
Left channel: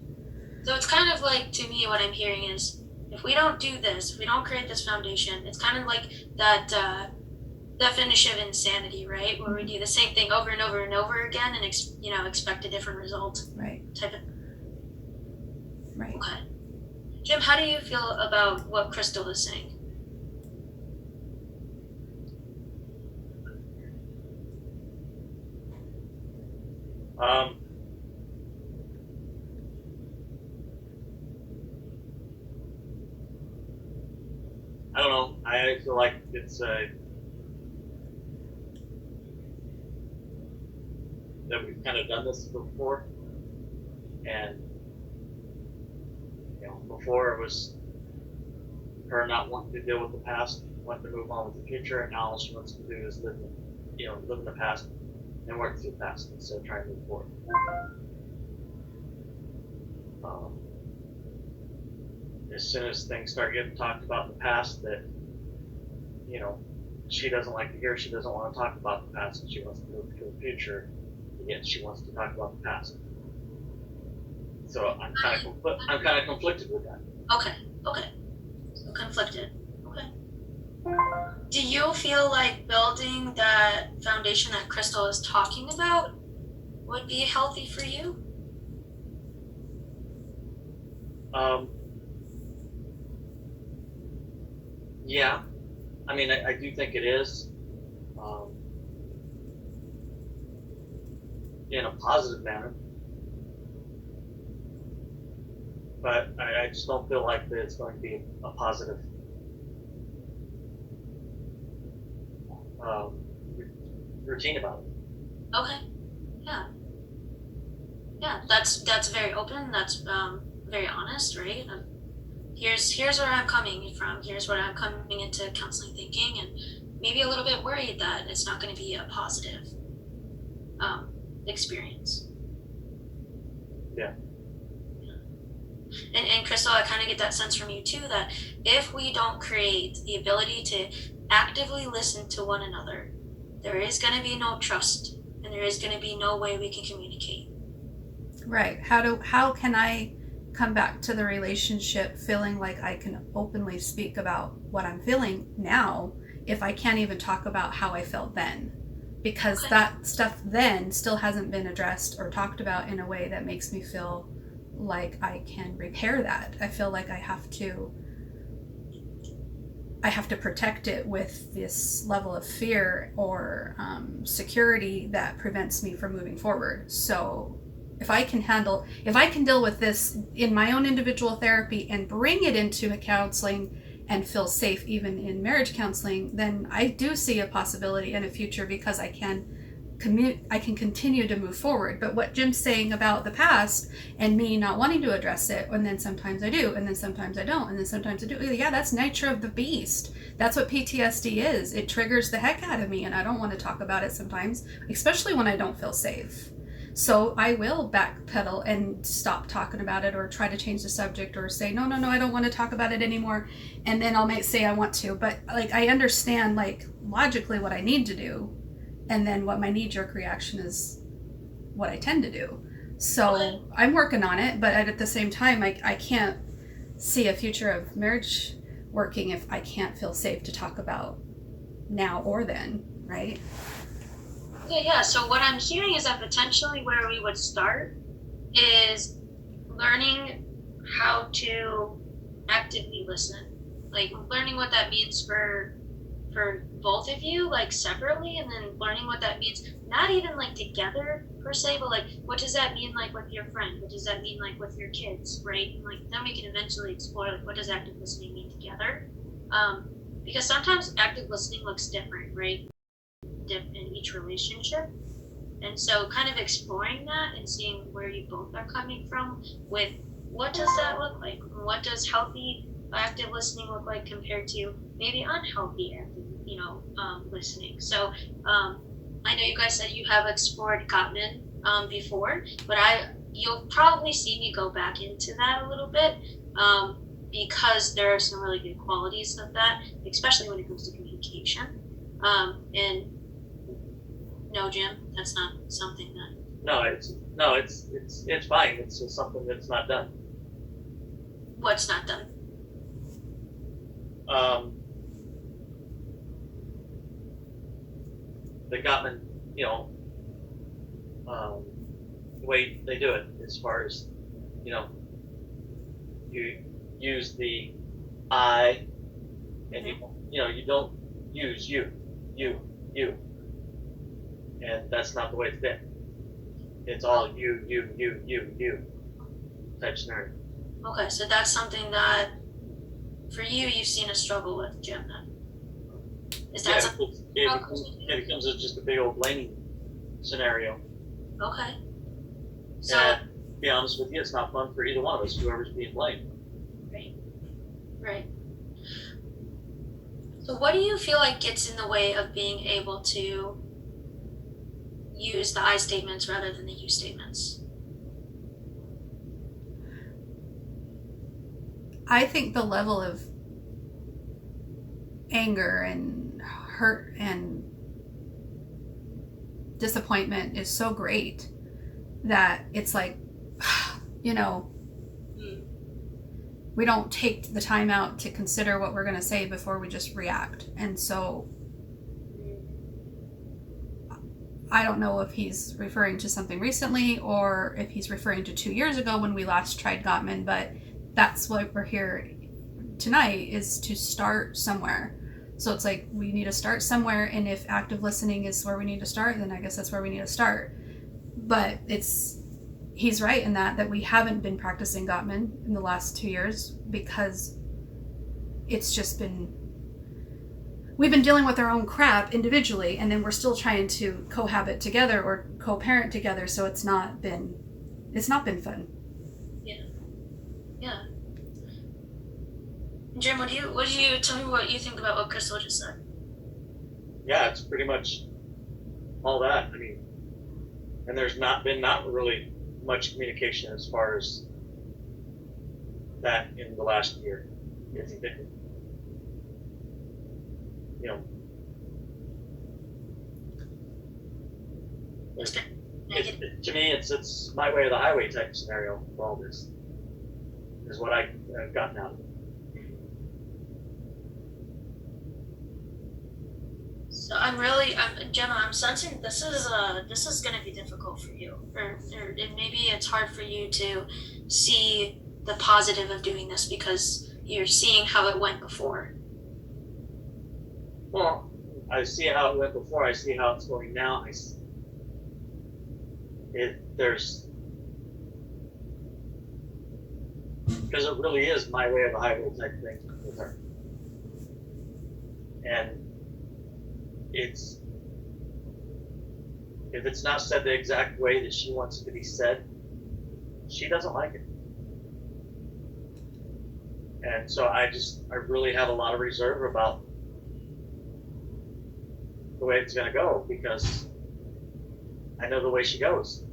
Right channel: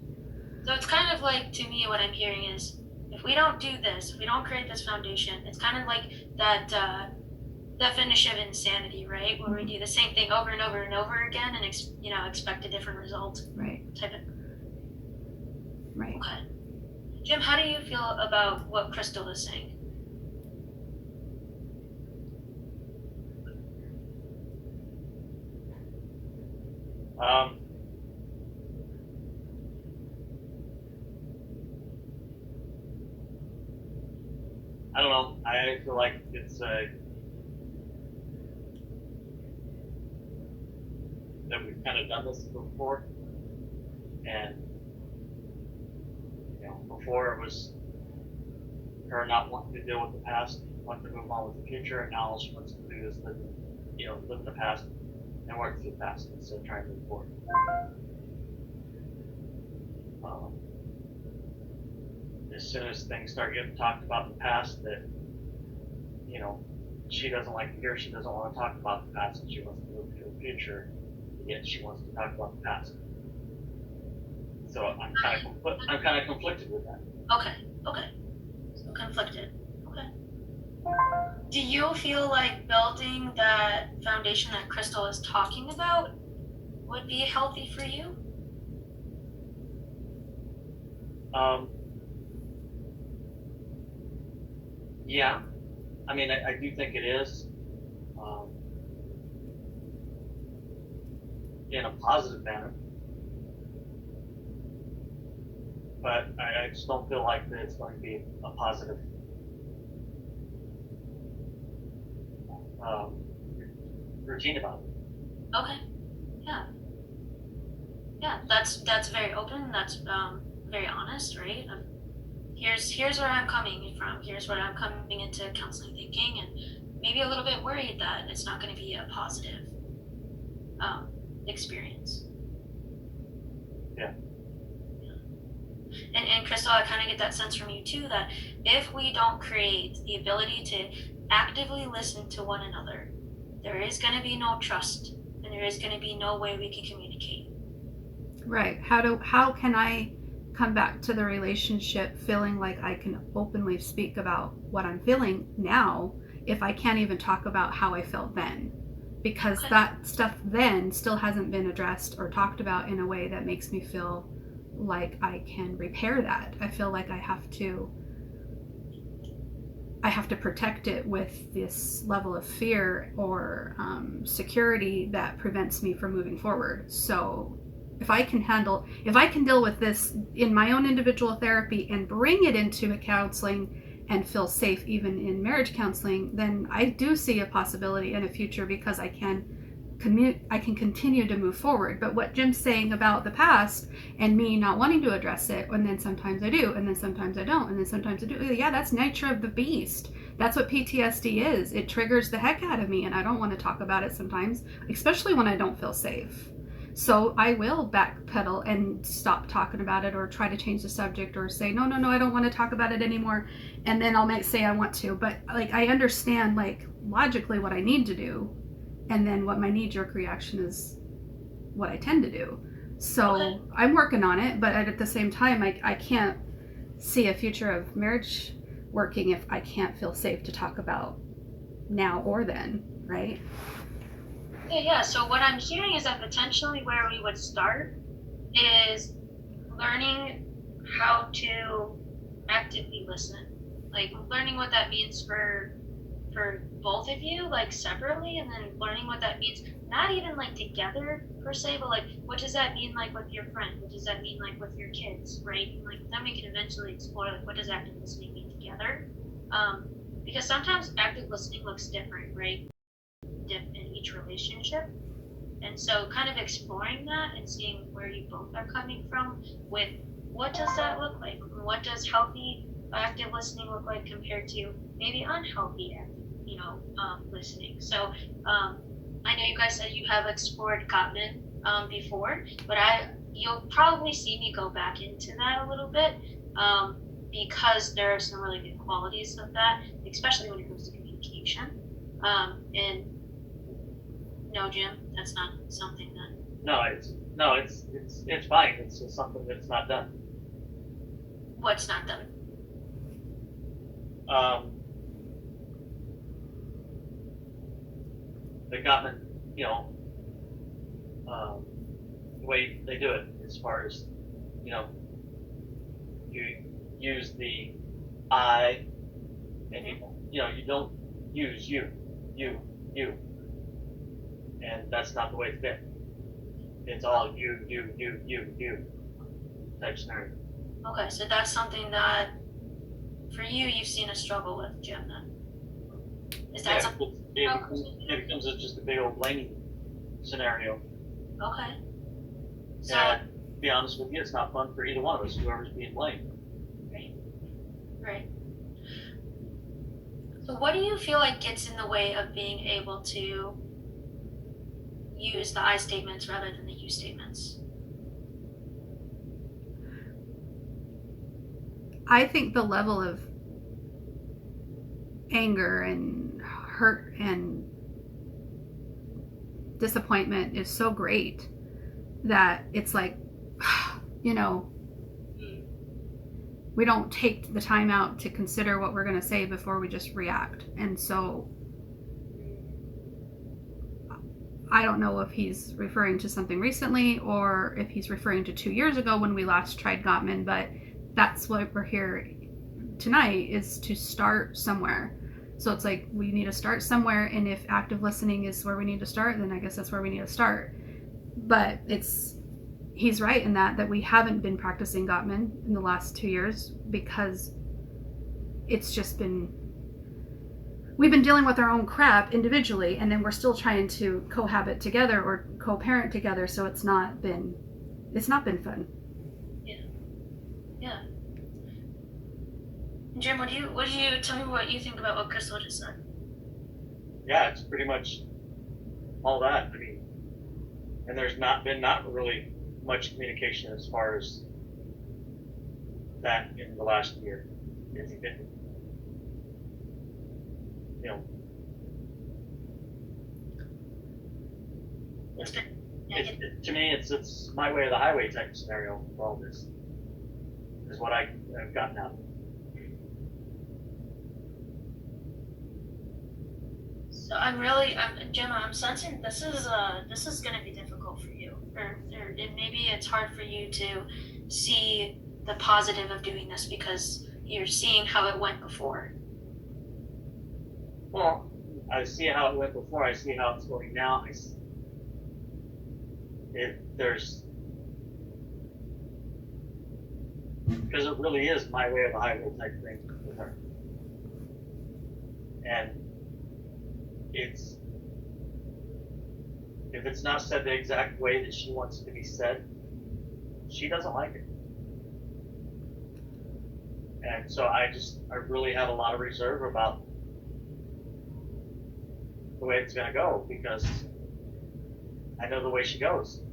So it's kind of like, to me, what I'm hearing is, if we don't do this, if we don't create this foundation, it's kind of like that definition of insanity, right? Where we do the same thing over and over and over again and expect a different result. Right. Right. Okay. Jim, how do you feel about what Crystal is saying? I don't know. I feel like it's that we've kind of done this before, and before it was her not wanting to deal with the past, wanting to move on with the future, and now all she wants to do is live in the past and work through the past instead of trying to move forward. As soon as things start getting talked about in the past, that she doesn't like to hear. She doesn't want to talk about the past, and she wants to move to the future, and yet she wants to talk about the past. So I'm kind of conflicted with that. Okay. So conflicted. Okay. Do you feel like building that foundation that Crystal is talking about would be healthy for you? Yeah, I mean, I do think it is, in a positive manner, but I just don't feel like that it's going to be a positive um, routine about it. Okay. Yeah, that's very open. That's very honest, right? Here's where I'm coming from. Here's what I'm coming into counseling thinking, and maybe a little bit worried that it's not going to be a positive experience. Yeah. And Crystal, I kind of get that sense from you too, that if we don't create the ability to actively listen to one another, there is going to be no trust, and there is going to be no way we can communicate. Right. How can I come back to the relationship feeling like I can openly speak about what I'm feeling now if I can't even talk about how I felt then? Because Okay. that stuff then still hasn't been addressed or talked about in a way that makes me feel like I can repair that. I feel like I have to protect it with this level of fear or security that prevents me from moving forward. So if I can deal with this in my own individual therapy and bring it into counseling and feel safe even in marriage counseling, then I do see a possibility in a future, because I can continue to move forward. But what Jim's saying about the past and me not wanting to address it, and then sometimes I do, and then sometimes I don't, and then sometimes I do, yeah, that's nature of the beast. That's what PTSD is. It triggers the heck out of me, and I don't want to talk about it sometimes, especially when I don't feel safe. So I will backpedal and stop talking about it, or try to change the subject, or say, no, I don't want to talk about it anymore. And then I'll say I want to, but like, I understand like logically what I need to do. And then what my knee-jerk reaction is what I tend to do. So Okay. I'm working on it, but at the same time, I can't see a future of marriage working if I can't feel safe to talk about now or then, right? Yeah. So what I'm hearing is that potentially where we would start is learning how to actively listen, like learning what that means for both of you, like separately, and then learning what that means not even like together per se, but like what does that mean like with your friend, what does that mean like with your kids, right? And like then we can eventually explore like what does active listening mean together, because sometimes active listening looks different, right, in each relationship. And so kind of exploring that and seeing where you both are coming from with what does that look like, what does healthy active listening look like compared to maybe unhealthy active listening. So I know you guys said you have explored Gottman before, but you'll probably see me go back into that a little bit, because there are some really good qualities of that, especially when it comes to communication. And no, Jim, that's not something that. No, it's fine. It's just something that's not done. What's not done? The Gottman, the way they do it, as far as, you use the I, and you don't use you, and that's not the way it's been. It's all you type scenario. Okay, so that's something that for you've seen a struggle with, Jim, then. Is that something? It becomes just a big old blaming scenario. Okay. So, And to be honest with you, it's not fun for either one of us, whoever's being blamed. right. So what do you feel like gets in the way of being able to use the I statements rather than the you statements? I think the level of anger and hurt and disappointment is so great that it's like, you know, we don't take the time out to consider what we're going to say before we just react. And so I don't know if he's referring to something recently or if he's referring to 2 years ago when we last tried Gottman, but that's what we're here tonight, is to start somewhere. So it's like we need to start somewhere, and if active listening is where we need to start, then I guess that's where we need to start. But he's right in that we haven't been practicing Gottman in the last 2 years because it's just been, we've been dealing with our own crap individually, and then we're still trying to cohabit together or co-parent together, so it's not been fun. Yeah. Jim, what do you tell me what you think about what Crystal just said? Yeah, it's pretty much all that. I mean, and there's not really much communication as far as that in the last year. It's been, you know, to me, it's my way or the highway type of scenario for all this, is what I've gotten out of it. So Gemma, I'm sensing this is going to be difficult for you, or maybe it's hard for you to see the positive of doing this because you're seeing how it went before. Well, I see how it went before. I see how it's going now. Because it really is my way or the highway type thing with her, and if it's not said the exact way that she wants it to be said, she doesn't like it. And so I really have a lot of reserve about the way it's going to go, because I know the way she goes.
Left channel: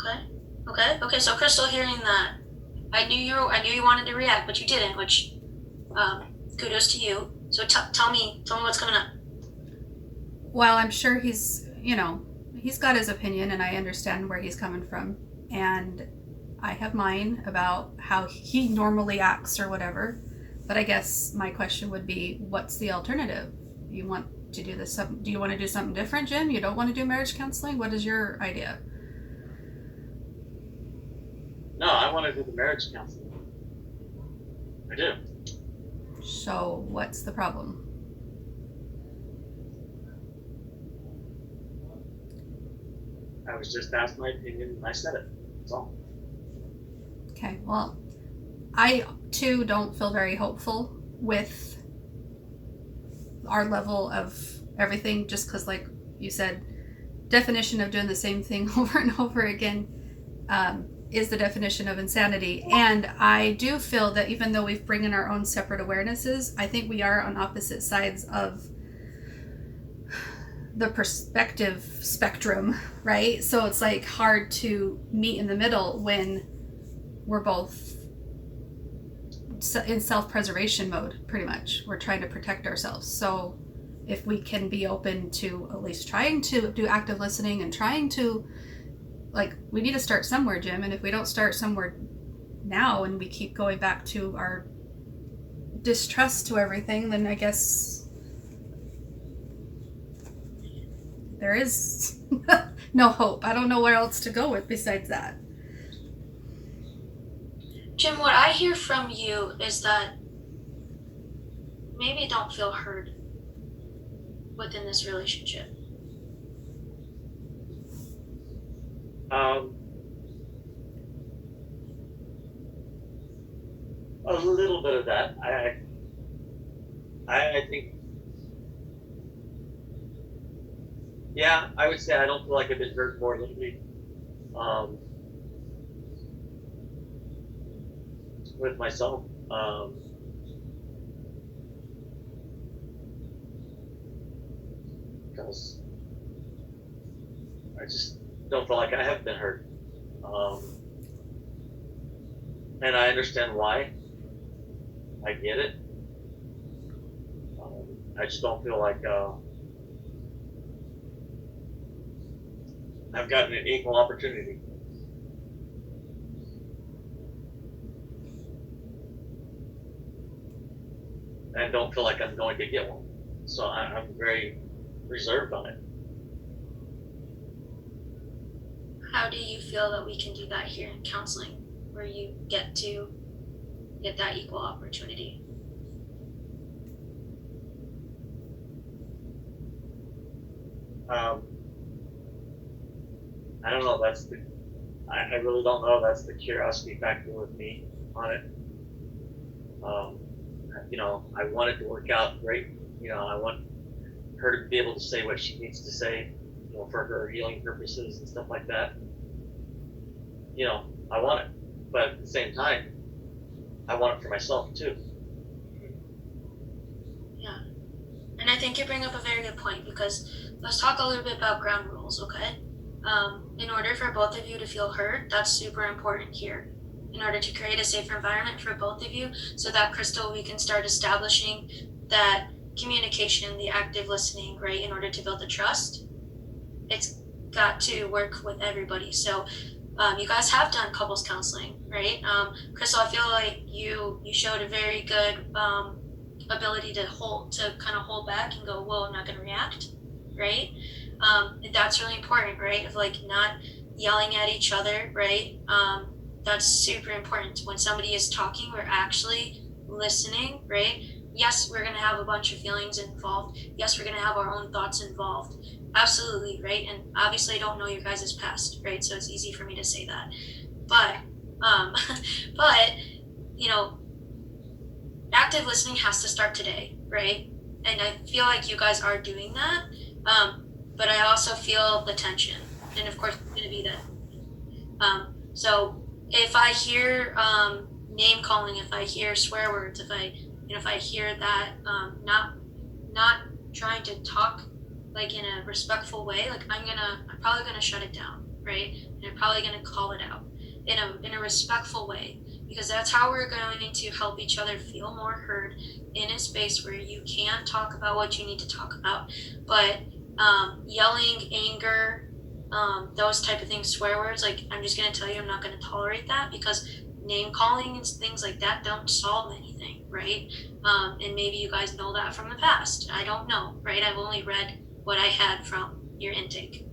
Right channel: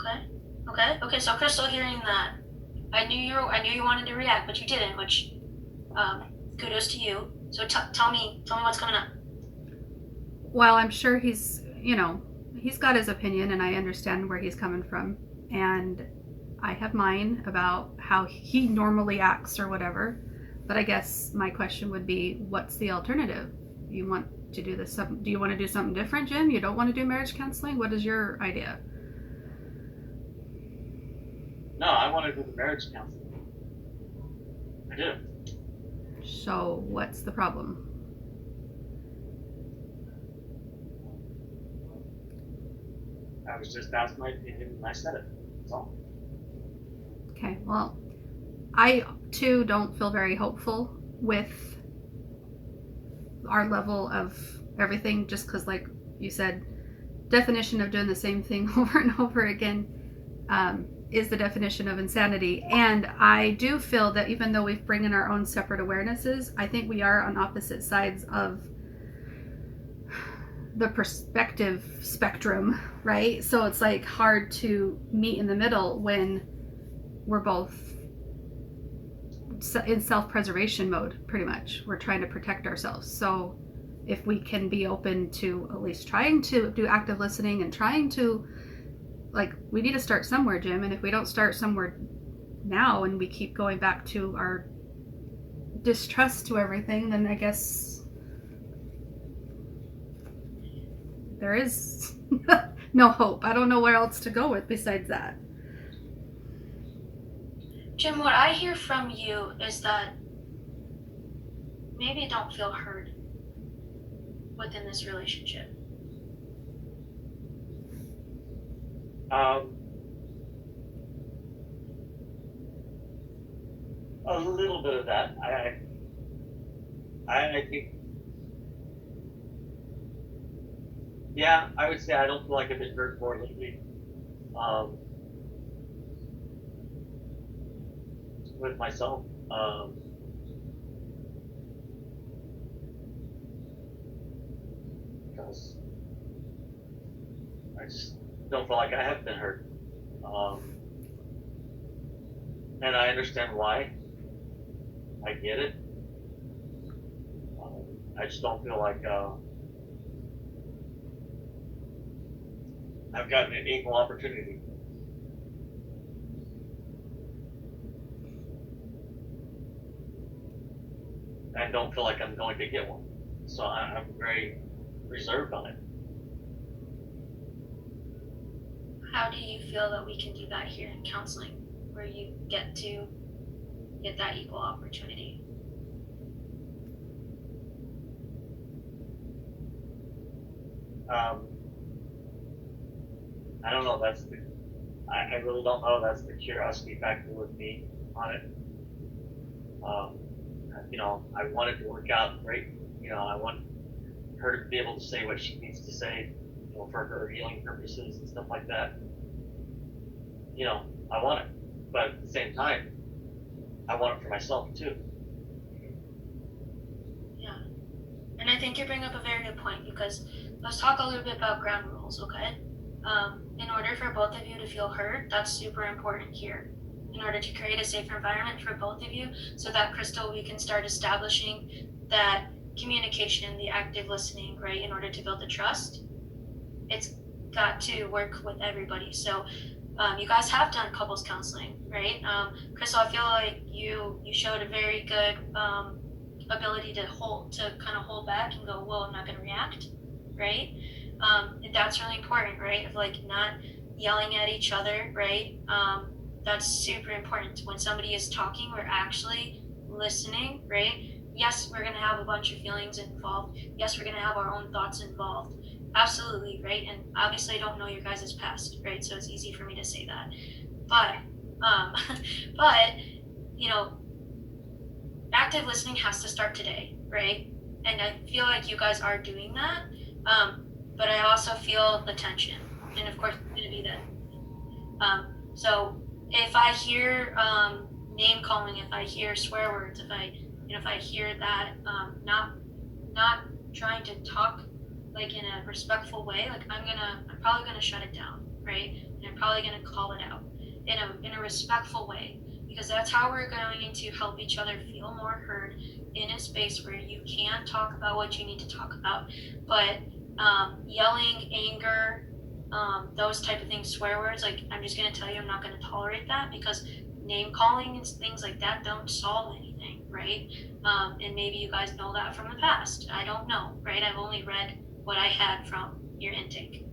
Okay. So Crystal, hearing that, I knew you wanted to react, but you didn't, which kudos to you. So tell me what's coming up. Well, I'm sure he's got his opinion, and I understand where he's coming from, and I have mine about how he normally acts or whatever. But I guess my question would be, what's the alternative? You want to do this? Do you want to do something different, Jim? You don't want to do marriage counseling? What is your idea? No, I want to do the marriage counseling. I do. So what's the problem? I was just asked my opinion and I said it. That's all. Okay, well, I too don't feel very hopeful with our level of everything, just because, like you said, definition of doing the same thing over and over again is the definition of insanity. And I do feel that even though we've brought in our own separate awarenesses, I think we are on opposite sides of the perspective spectrum, right? So it's like hard to meet in the middle when we're both in self-preservation mode, pretty much. We're trying to protect ourselves. So if we can be open to at least trying to do active listening and trying to, like, we need to start somewhere, Jim. And if we don't start somewhere now and we keep going back to our distrust to everything, then I guess there is no hope. I don't know where else to go with besides that. Jim, what I hear from you is that maybe don't feel heard within this relationship. A little bit of that. I think, yeah, I would say I don't feel like I've been heard more lately. With myself. Because I just don't feel like I have been heard. And I understand why. I get it. I just don't feel like I've gotten an equal opportunity. I don't feel like I'm going to get one. So I'm very reserved on it. How do you feel that we can do that here in counseling, where you get to get that equal opportunity? I don't know. I really don't know. That's the curiosity factor with me on it. I want it to work out great. I want her to be able to say what she needs to say, for her healing purposes and stuff like that. I want it, but at the same time, I want it for myself too. Yeah. And I think you bring up a very good point, because let's talk a little bit about ground rules, okay? In order for both of you to feel heard, that's super important here. In order to create a safer environment for both of you, so that, Crystal, we can start establishing that communication, the active listening, right? In order to build the trust, it's got to work with everybody. So you guys have done couples counseling, right? Crystal, I feel like you showed a very good ability to kind of hold back and go, whoa, I'm not going to react, right? And that's really important, right? Of like not yelling at each other, right? That's super important. When somebody is talking, we're actually listening, right? Yes, we're going to have a bunch of feelings involved. Yes, we're going to have our own thoughts involved. Absolutely, right? And obviously I don't know your guys' past, right? So it's easy for me to say that. But, active listening has to start today, right? And I feel like you guys are doing that. But I also feel the tension. And of course, it's going to be that. So if I hear name calling, if I hear swear words, if I hear that not trying to talk like in a respectful way, like I'm probably gonna shut it down, right? And I'm probably gonna call it out in a respectful way, because that's how we're going to help each other feel more heard in a space where you can talk about what you need to talk about. But yelling, anger, those type of things, swear words, like I'm just gonna tell you I'm not gonna tolerate that, because name calling and things like that don't solve anything, right? And maybe you guys know that from the past. I don't know, right? I've only read what I had from your intake.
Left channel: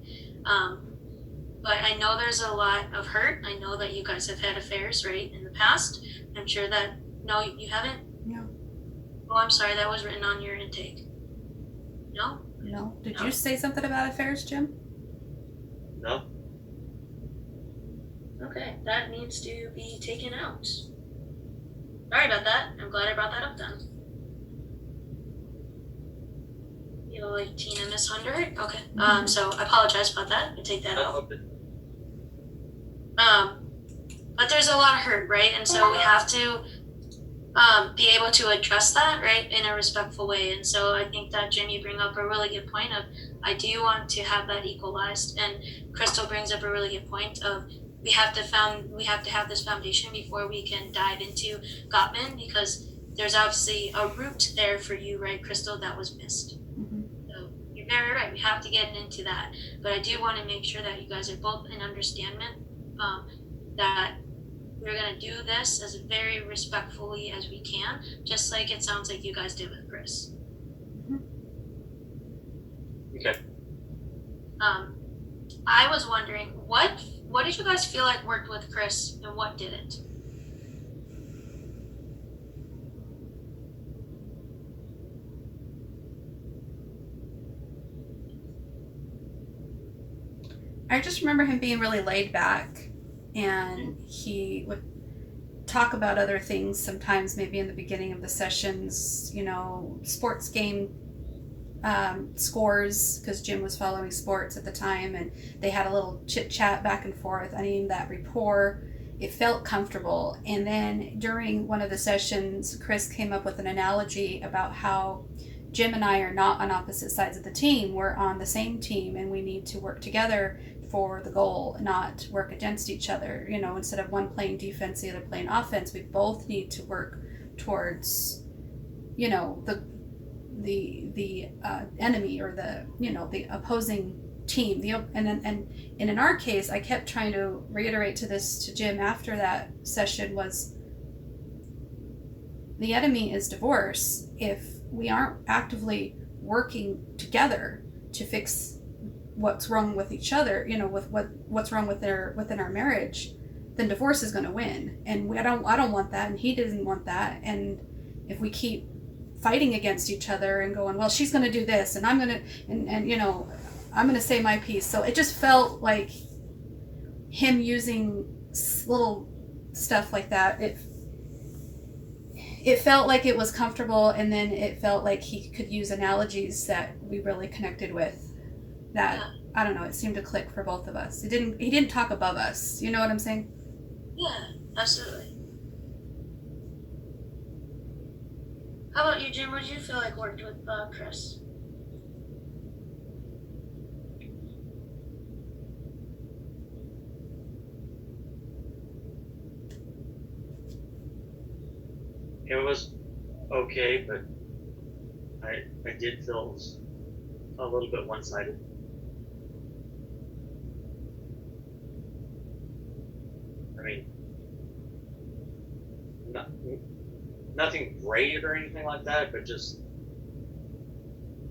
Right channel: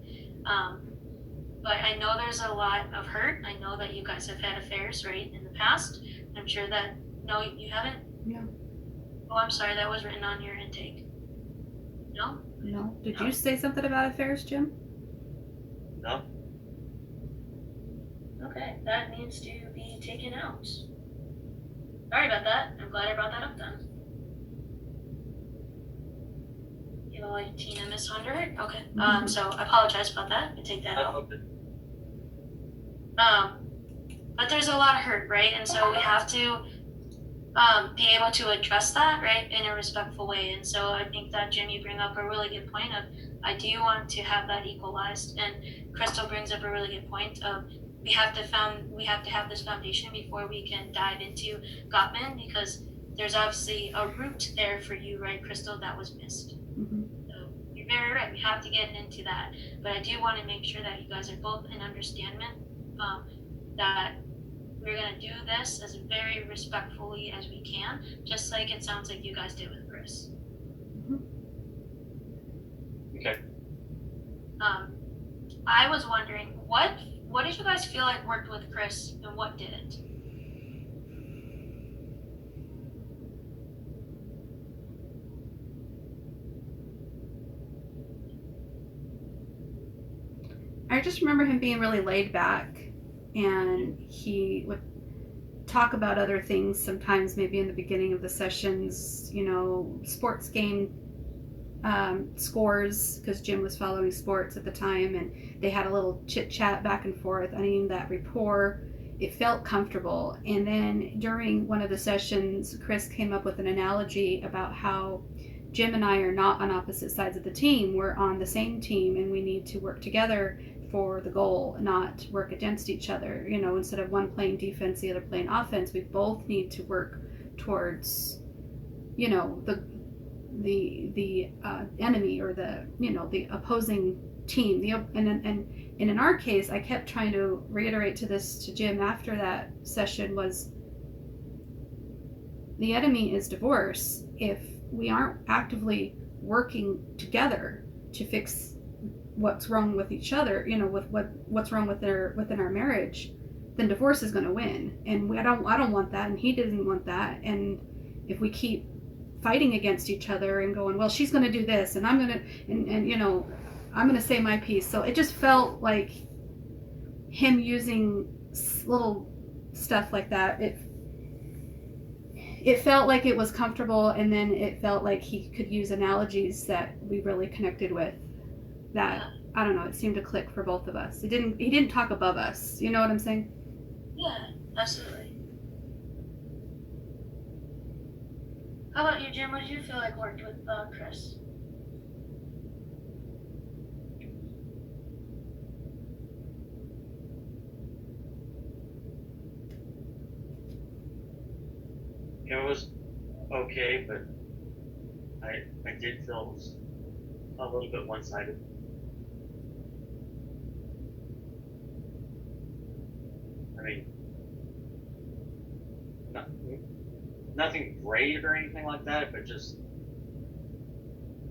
But I know there's a lot of hurt. I know that you guys have had affairs, right, in the past. I'm sure that, no, you haven't? No. Oh, I'm sorry, that was written on your intake. No? No. Did you say something about affairs, Jim? No. Okay, that needs to be taken out. Sorry about that. I'm glad I brought that up then. You know, like Tina Miss 100? Okay. So I apologize about that. I take that out. But there's a lot of hurt, right? And so we have to be able to address that, right, in a respectful way. And so I think that, Jim, you bring up a really good point of, I do want to have that equalized. And Crystal brings up a really good point of, we have to have this foundation before we can dive into Gottman, because there's obviously a root there for you, right, Crystal, that was missed. So you're very right. We have to get into that. But I do want to make sure that you guys are both in understanding that we're going to do this as very respectfully as we can, just like it sounds like you guys did with Chris. Okay. I was wondering, what did you guys feel like worked with Chris and what didn't? I just remember him being really laid back, and he would talk about other things sometimes, maybe in the beginning of the sessions, sports game scores, because Jim was following sports at the time, and they had a little chit chat back and forth. I mean, that rapport, it felt comfortable. And then during one of the sessions, Chris came up with an analogy about how Jim and I are not on opposite sides of the team. We're on the same team, and we need to work together for the goal, not work against each other. Instead of one playing defense, the other playing offense, we both need to work towards, the enemy, or the the opposing team. And in our case, I kept trying to reiterate to Jim after that session, was the enemy is divorce. If we aren't actively working together to fix what's wrong with each other, with what's wrong within our marriage, then divorce is going to win. And I don't want that, and he doesn't want that. And if we keep fighting against each other and going, well, she's going to do this, and I'm going to, and I'm going to say my piece. So it just felt like him using little stuff like that. It felt like it was comfortable, and then it felt like he could use analogies that we really connected with. That, I don't know, it seemed to click for both of us. He didn't talk above us. You know what I'm saying? Yeah, absolutely. How about you, Jim? What did you feel like worked with Chris? It was okay, but I did feel it was a little bit one-sided. I mean, nothing great or anything like that, but just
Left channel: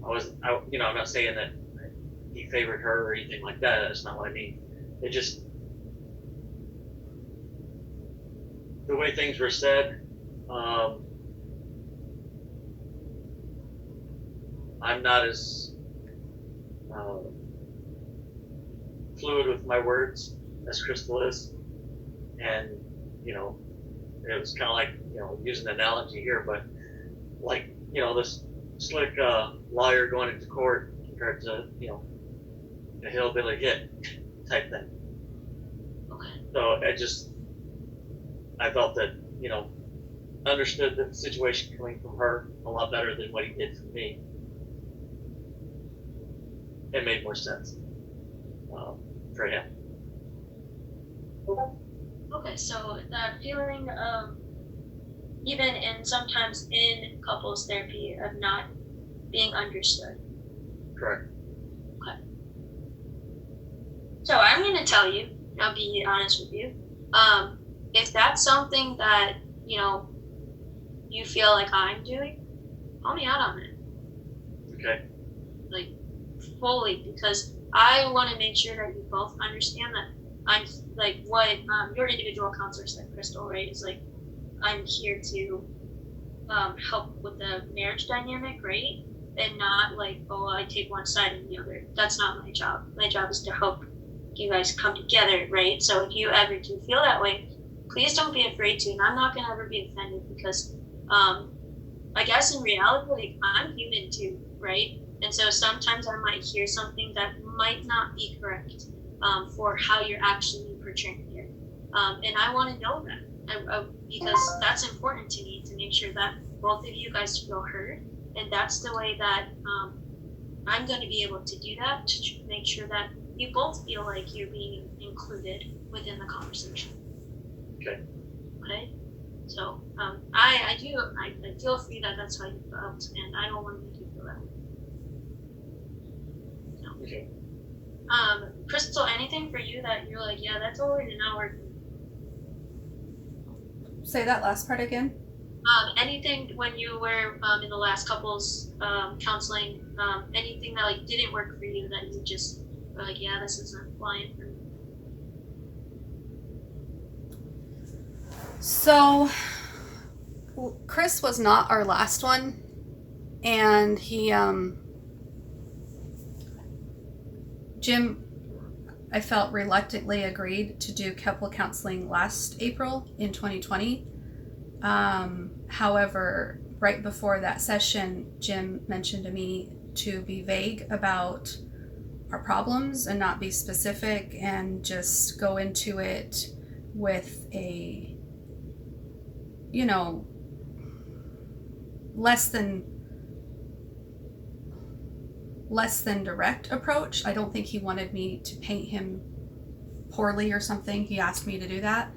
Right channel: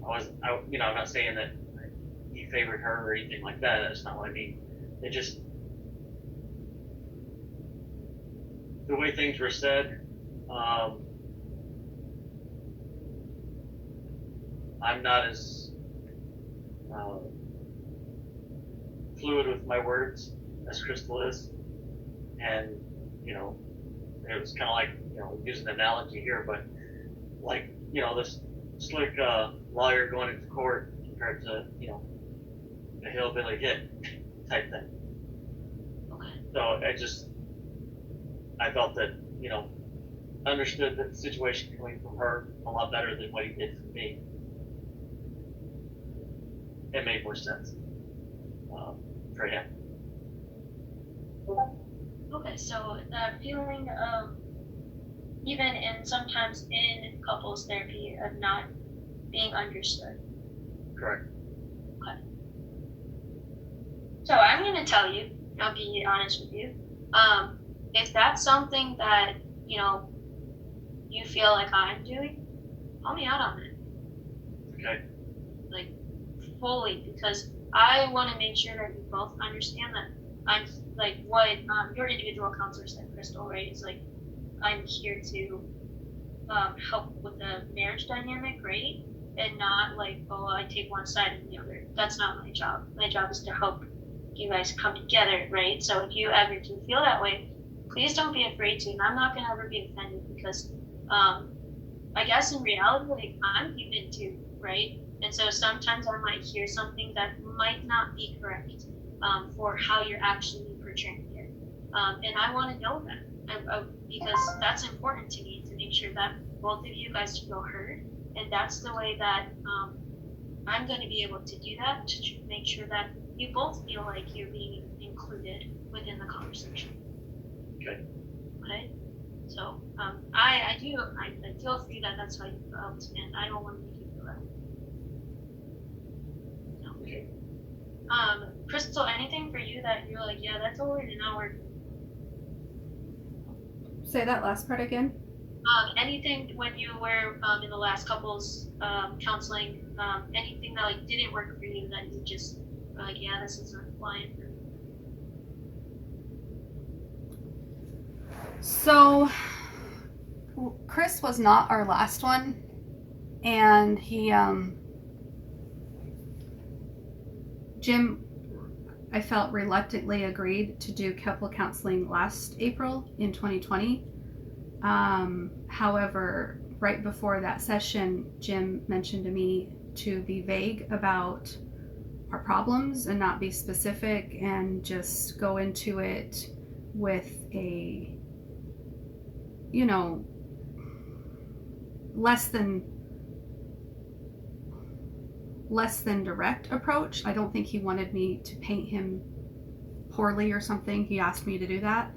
I'm not saying that he favored her or anything like that. That's not what I mean. It just, the way things were said. I'm not as fluid with my words as Crystal is, and it was kind of like using an analogy here, but like this slick lawyer going into court compared to a hillbilly hit type thing. Okay. So I felt that understood the situation coming from her a lot better than what he did from me. It made more sense for him. Okay, so that feeling of, even sometimes in couples therapy, of not being understood. Correct. Okay. So I'm going to tell you, I'll be honest with you, if that's something that, you feel like I'm doing, call me out on it. Okay. Like, fully, because I want to make sure that you both understand that I'm like what your individual counselor said, Crystal, right? Is like, I'm here to help with the marriage dynamic, right? And not like, oh, I take one side and the other. That's not my job. My job is to help you guys come together, right? So if you ever do feel that way, please don't be afraid to. And I'm not going to ever be offended, because I guess in reality, like, I'm human too, right? And so sometimes I might hear something that might not be correct for how you're actually portraying it. And I want to know that because that's important to me, to make sure that both of you guys feel heard. And that's the way that I'm going to be able to do that, to make sure that you both feel like you're being included within the conversation. Okay. Okay? So I feel for you that that's how you felt, and I don't want to make you feel that way. So. Okay. Crystal, anything for you that you're like, yeah, that totally did not work? Say that last part again. Anything when you were in the last couples counseling, anything that like didn't work for you that you just were like, yeah, this isn't flying for me? So Chris was not our last one, and Jim, I felt, reluctantly agreed to do couple counseling last April in 2020. However, right before that session, Jim mentioned to me to be vague about our problems and not be specific, and just go into it with a, less than direct approach. I don't think he wanted me to paint him poorly or something. He asked me to do that.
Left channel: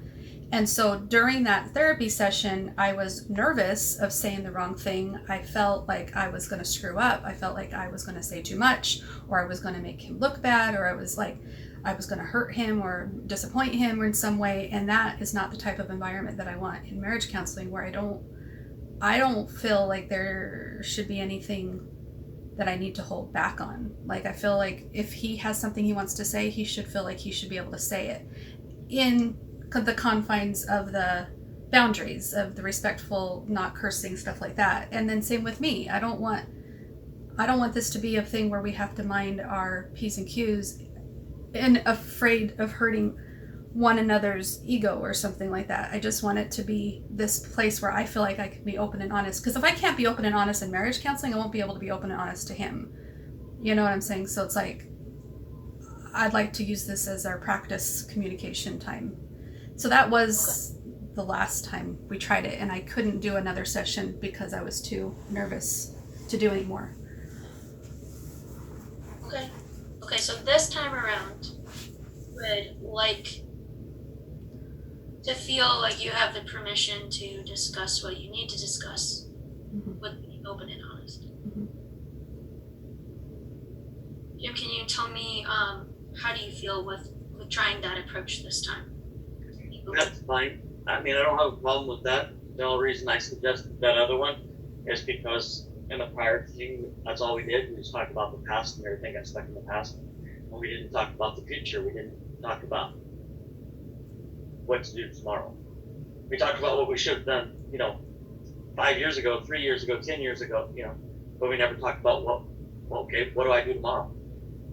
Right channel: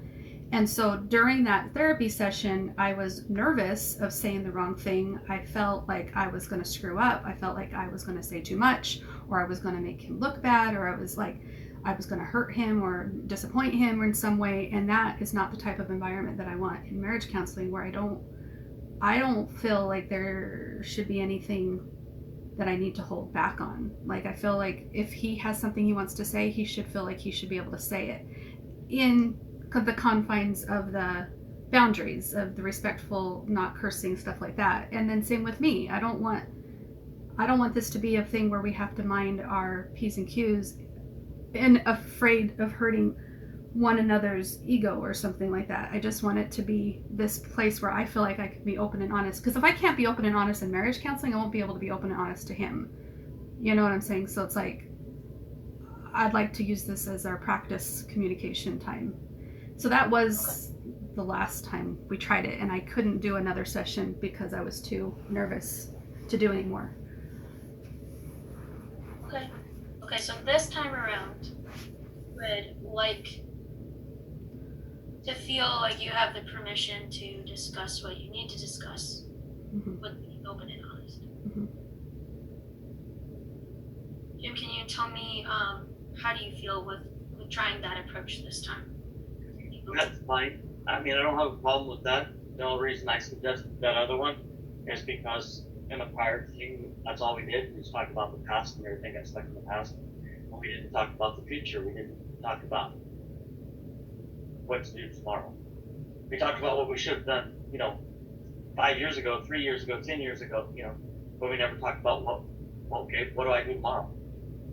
And so during that therapy session, I was nervous of saying the wrong thing. I felt like I was going to screw up. I felt like I was going to say too much, or I was going to make him look bad, or I was going to hurt him or disappoint him in some way. And that is not the type of environment that I want in marriage counseling, where I don't feel like there should be anything that I need to hold back on. Like, I feel like if he has something he wants to say, he should feel like he should be able to say it in the confines of the boundaries of the respectful, not cursing, stuff like that. And then same with me. I don't want this to be a thing where we have to mind our P's and Q's and afraid of hurting one another's ego or something like that. I just want it to be this place where I feel like I can be open and honest. Because if I can't be open and honest in marriage counseling, I won't be able to be open and honest to him. You know what I'm saying? So it's like, I'd like to use this as our practice communication time. So that was the last time we tried it, and I couldn't do another session because I was too nervous to do any more. Okay, so this time around, would like to feel like you have the permission to discuss what you need to discuss with being open and honest. Jim, can you tell me how do you feel with trying that approach this time? That's fine. I mean, I don't have a problem with that. The only reason I suggested that other one is because in the prior thing, that's all we did. We just talked about the past and everything got stuck in the past. And we didn't talk about the future. We didn't talk about what to do tomorrow. We talked about what we should have done, 5 years ago, 3 years ago, 10 years ago, but we never talked about what do I do tomorrow?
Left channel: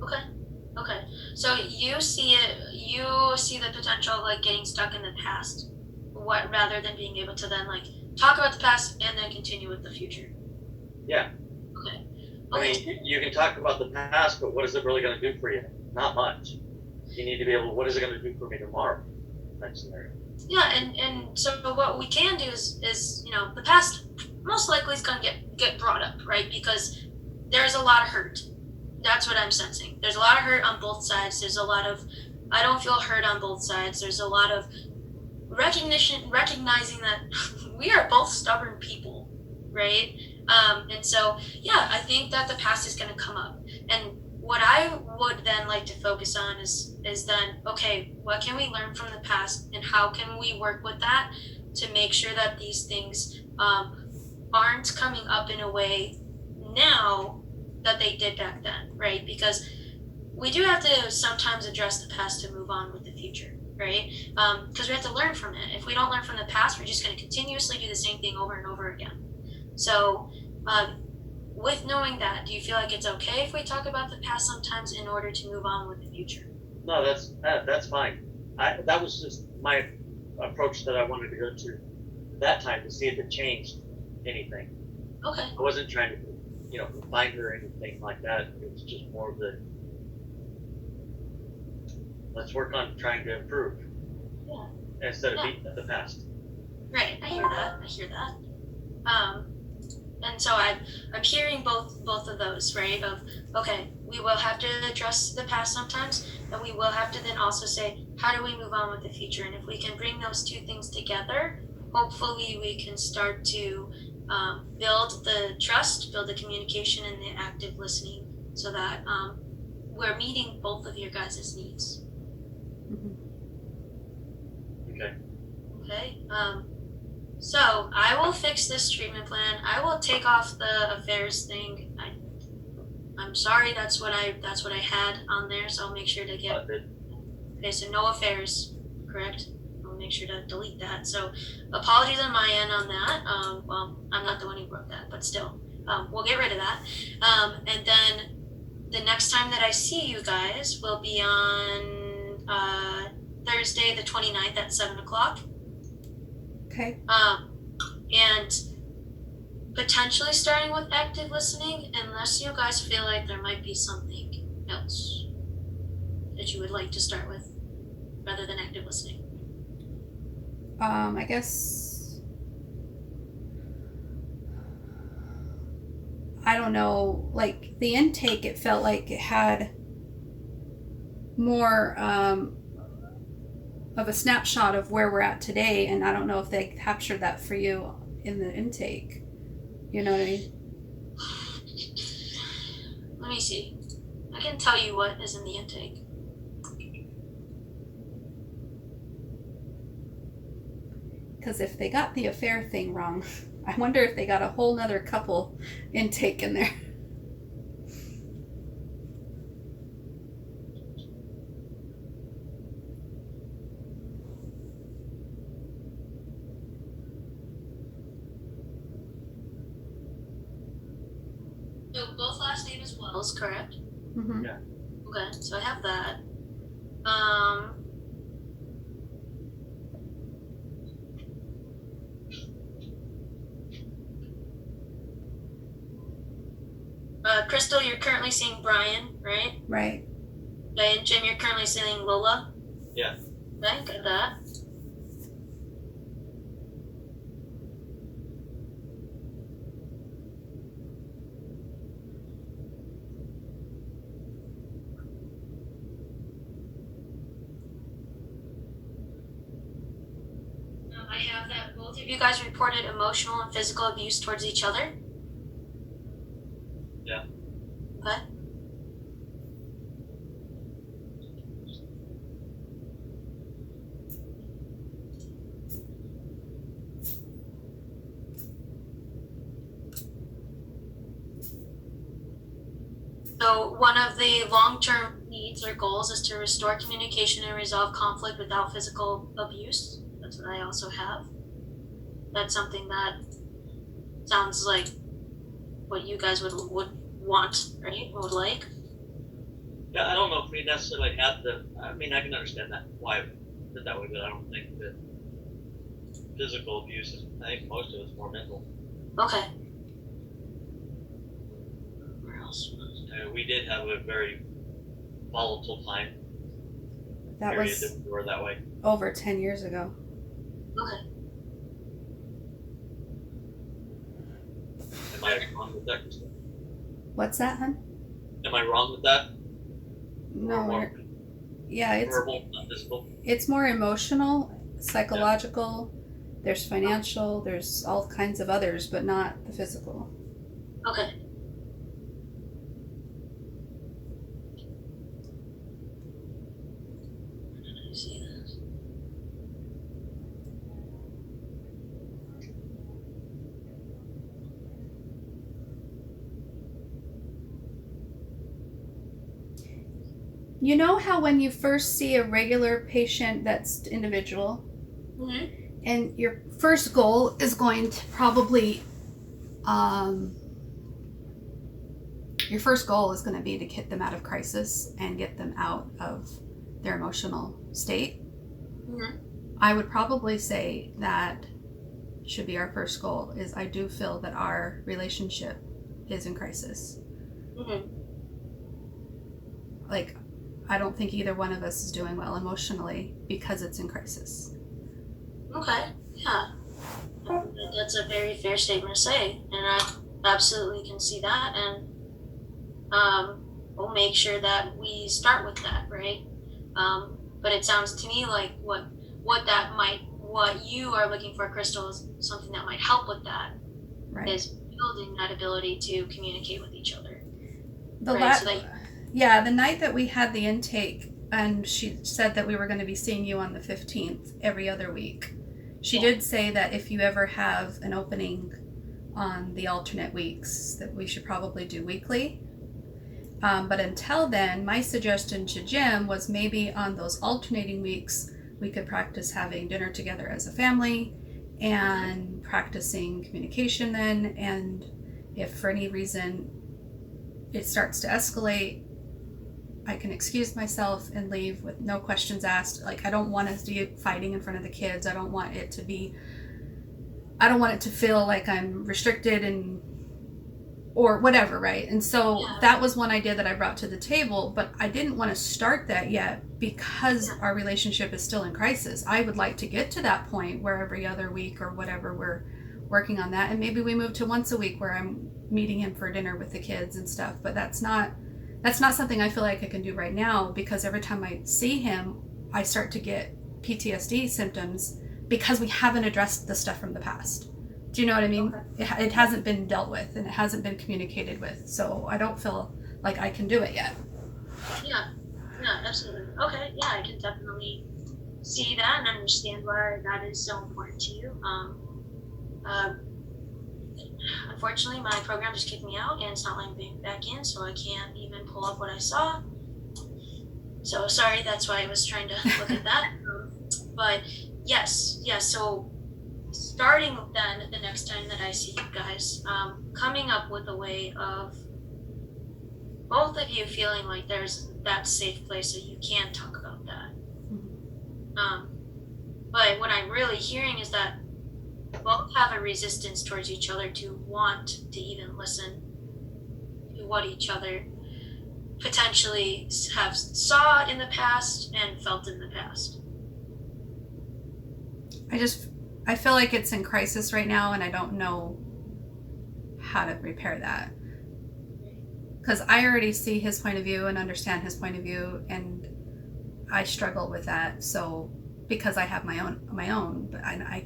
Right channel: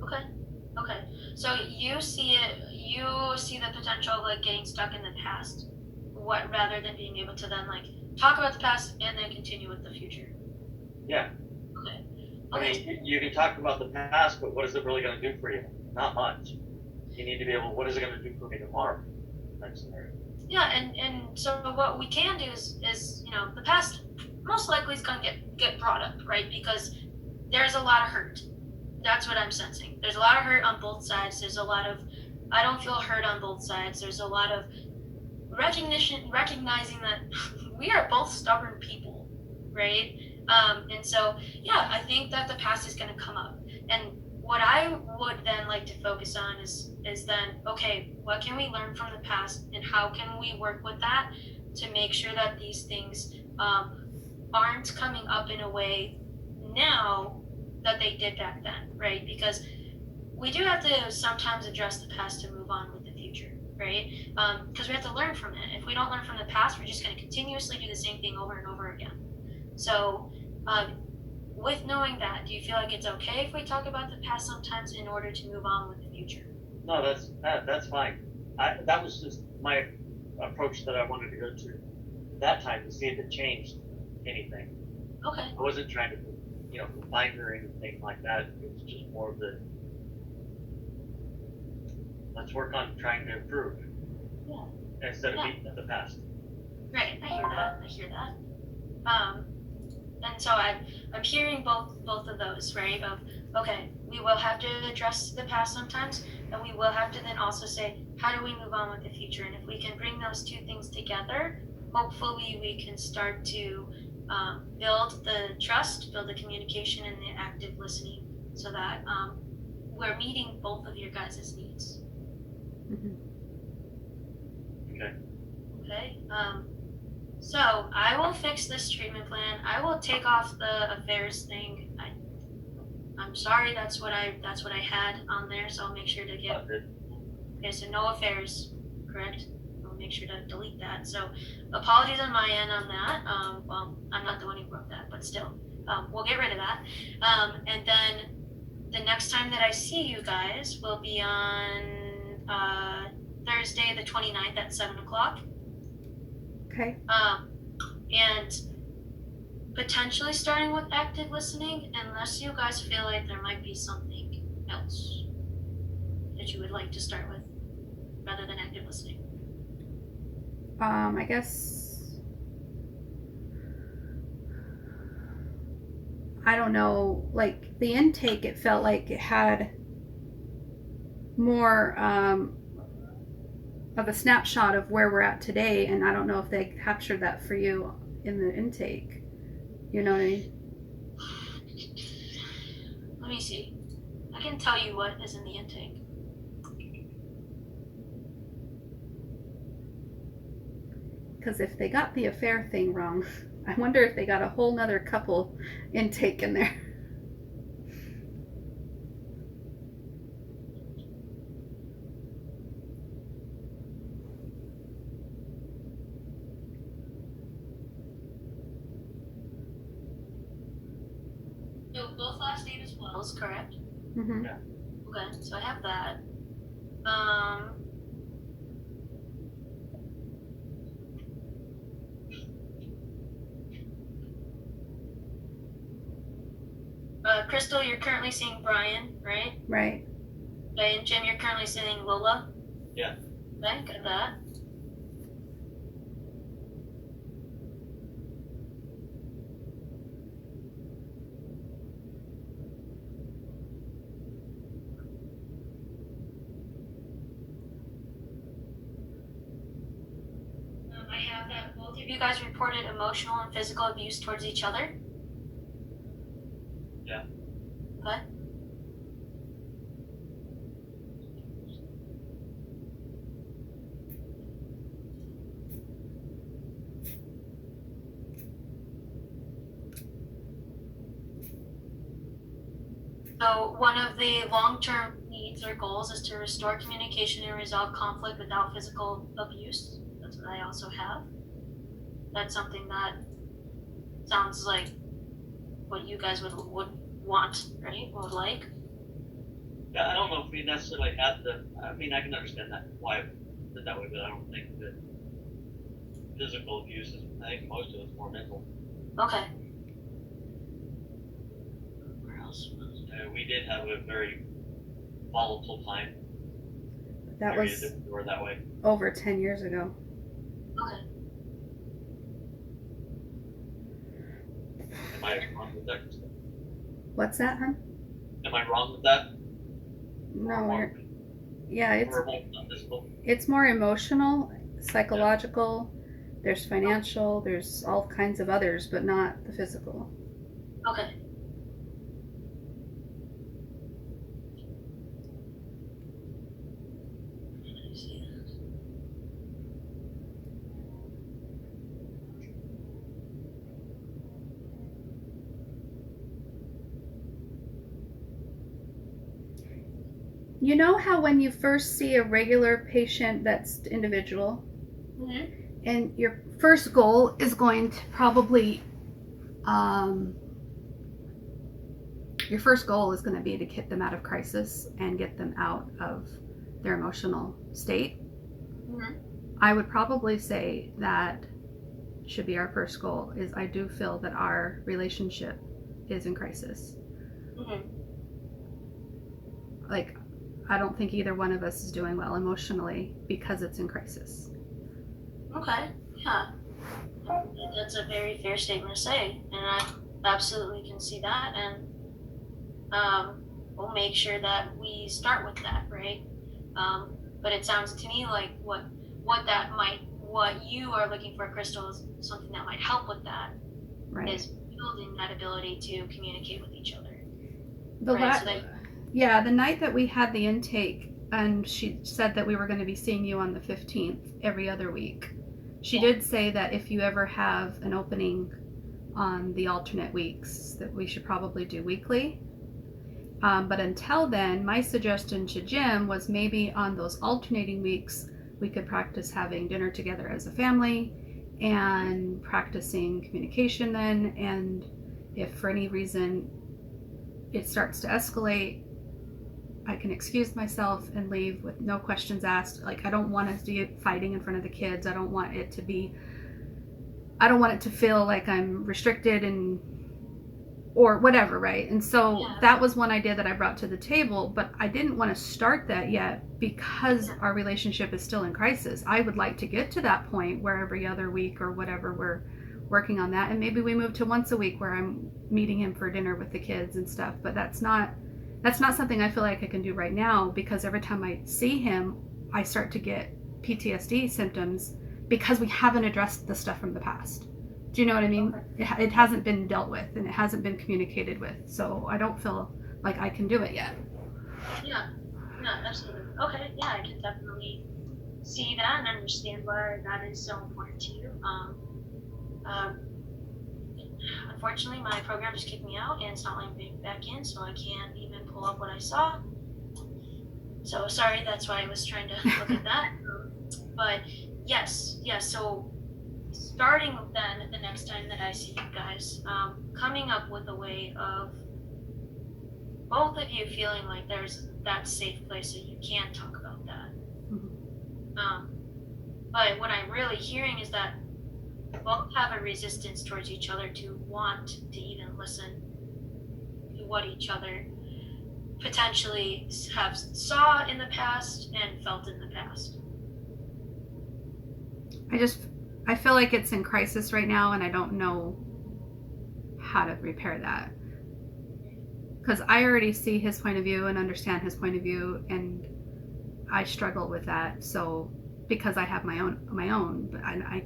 Okay. So you see the potential of like getting stuck in the past, rather than being able to then like talk about the past and then continue with the future. Yeah. Okay. I mean, you can talk about the past, but what is it really going to do for you? Not much. You need to be able, what is it going to do for me tomorrow? Next scenario. Yeah, and so what we can do is the past most likely is going to get brought up, right? Because there's a lot of hurt. That's what I'm sensing. There's a lot of hurt on both sides. There's a lot of, I don't feel hurt on both sides. There's a lot of recognizing that we are both stubborn people, right? And so, yeah, I think that the past is going to come up. And what I would then like to focus on is then, okay, what can we learn from the past and how can we work with that to make sure that these things aren't coming up in a way now that they did back then, right? Because we do have to sometimes address the past to move on with the future, right? Because we have to learn from it. If we don't learn from the past, we're just going to continuously do the same thing over and over again. So with knowing that, do you feel like it's okay if we talk about the past sometimes in order to move on with the future? No, that's fine. That was just my approach that I wanted to go to that time to see if it changed anything. Okay. I wasn't trying to find her or anything like that. It was just more of the, let's work on trying to improve. Yeah. Instead of beating at the past. Right, I hear that. And so I'm hearing both of those, right? Of, okay, we will have to address the past sometimes, and we will have to then also say, how do we move on with the future? And if we can bring those two things together, hopefully we can start to build the trust, build the communication, and the active listening, so that we're meeting both of your guys' needs. Okay. So I will fix this treatment plan. I will take off the affairs thing. I'm sorry. That's what I had on there. So I'll make sure to get. Okay. So no affairs, correct? I'll make sure to delete that. So apologies on my end on that. Well, I'm not the one who wrote that, but still, we'll get rid of that. And then the next time that I see you guys will be on Thursday, the 29th at 7:00. Okay. And potentially starting with active listening, unless you guys feel like there might be something else that you would like to start with rather than active listening. I guess, I don't know, like the intake, it felt like it had more of a snapshot of where we're at today, and I don't know if they captured that for you in the intake. You know what I mean? Let me see. I can tell you what is in the intake. Because if they got the affair thing wrong, I wonder if they got a whole nother couple intake in there. So both last name is Wells, correct? Mm-hmm. Yeah. Okay, so I have that. Crystal, you're currently seeing Brian, right? Right. Okay, and Jim, you're currently seeing Lola. Yeah. Okay, got that. I have that both of you guys reported emotional and physical abuse towards each other. Yeah. Okay. So one of the long-term needs or goals is to restore communication and resolve conflict without physical abuse. That's what I also have. That's something that sounds like what you guys would want, right? Would like. Yeah, I don't know if we necessarily had the. I mean, I can understand that why it did that way, but I don't think that physical abuse is. I think most of it's more mental. Okay. Where else? We did have a very volatile time. That period was that we were that way. over 10 years ago. Okay. Am I wrong with that, Krista? What's that, hon? Am I wrong with that? No, Or yeah, verbal, not physical. it's more emotional, psychological. There's financial. There's all kinds of others, but not the physical. Okay. I see that. You know how when you first see a regular patient that's individual, Mm-hmm. and your first goal is going to probably, your first goal is going to be to get them out of crisis and get them out of their emotional state. Mm-hmm. I would probably say that should be our first goal. Is I do feel that our relationship is in crisis. Mm-hmm. Like, I don't think either one of us is doing well emotionally because it's in crisis. Okay. Yeah. That's a very fair statement to say, and I absolutely can see that, and we'll make sure that we start with that, right? But it sounds to me like what you are looking for, Crystal, is something that might help with that. Right. Is building that ability to communicate with each other. The right? So that, yeah, the night that we had the intake, and she said that we were going to be seeing you on the 15th every other week. She did say that if you ever have an opening on the alternate weeks, that we should probably do weekly. But until then, my suggestion to Jim was maybe on those alternating weeks, we could practice having dinner together as a family and practicing communication then. And if for any reason it starts to escalate, I can excuse myself and leave with no questions asked. Like, I don't want us to be fighting in front of the kids. I don't want it to feel like I'm restricted and or whatever, right? And so that was one idea that I brought to the table, but I didn't want to start that yet because our relationship is still in crisis. I would like to get to that point where every other week or whatever we're working on that, and maybe we move to once a week where I'm meeting him for dinner with the kids and stuff. But that's not something I feel like I can do right now, because every time I see him, I start to get PTSD symptoms because we haven't addressed the stuff from the past. Do you know what I mean? Okay. It hasn't been dealt with and it hasn't been communicated with. So I don't feel like I can do it yet. Yeah, absolutely. Okay, yeah, I can definitely see that and understand why that is so important to you. Unfortunately, my program just kicked me out and it's not letting me back in, so I can't even pull up what I saw. So sorry, that's why I was trying to look at that. But yes, so starting then the next time that I see you guys, coming up with a way of both of you feeling like there's that safe place so you can talk about that. But what I'm really hearing is that both have a resistance towards each other to want to even listen to what each other potentially have saw in the past and felt in the past. I feel like it's in crisis right now and I don't know how to repair that. Because I already see his point of view and understand his point of view, and I struggle with that. So because I have my own, but I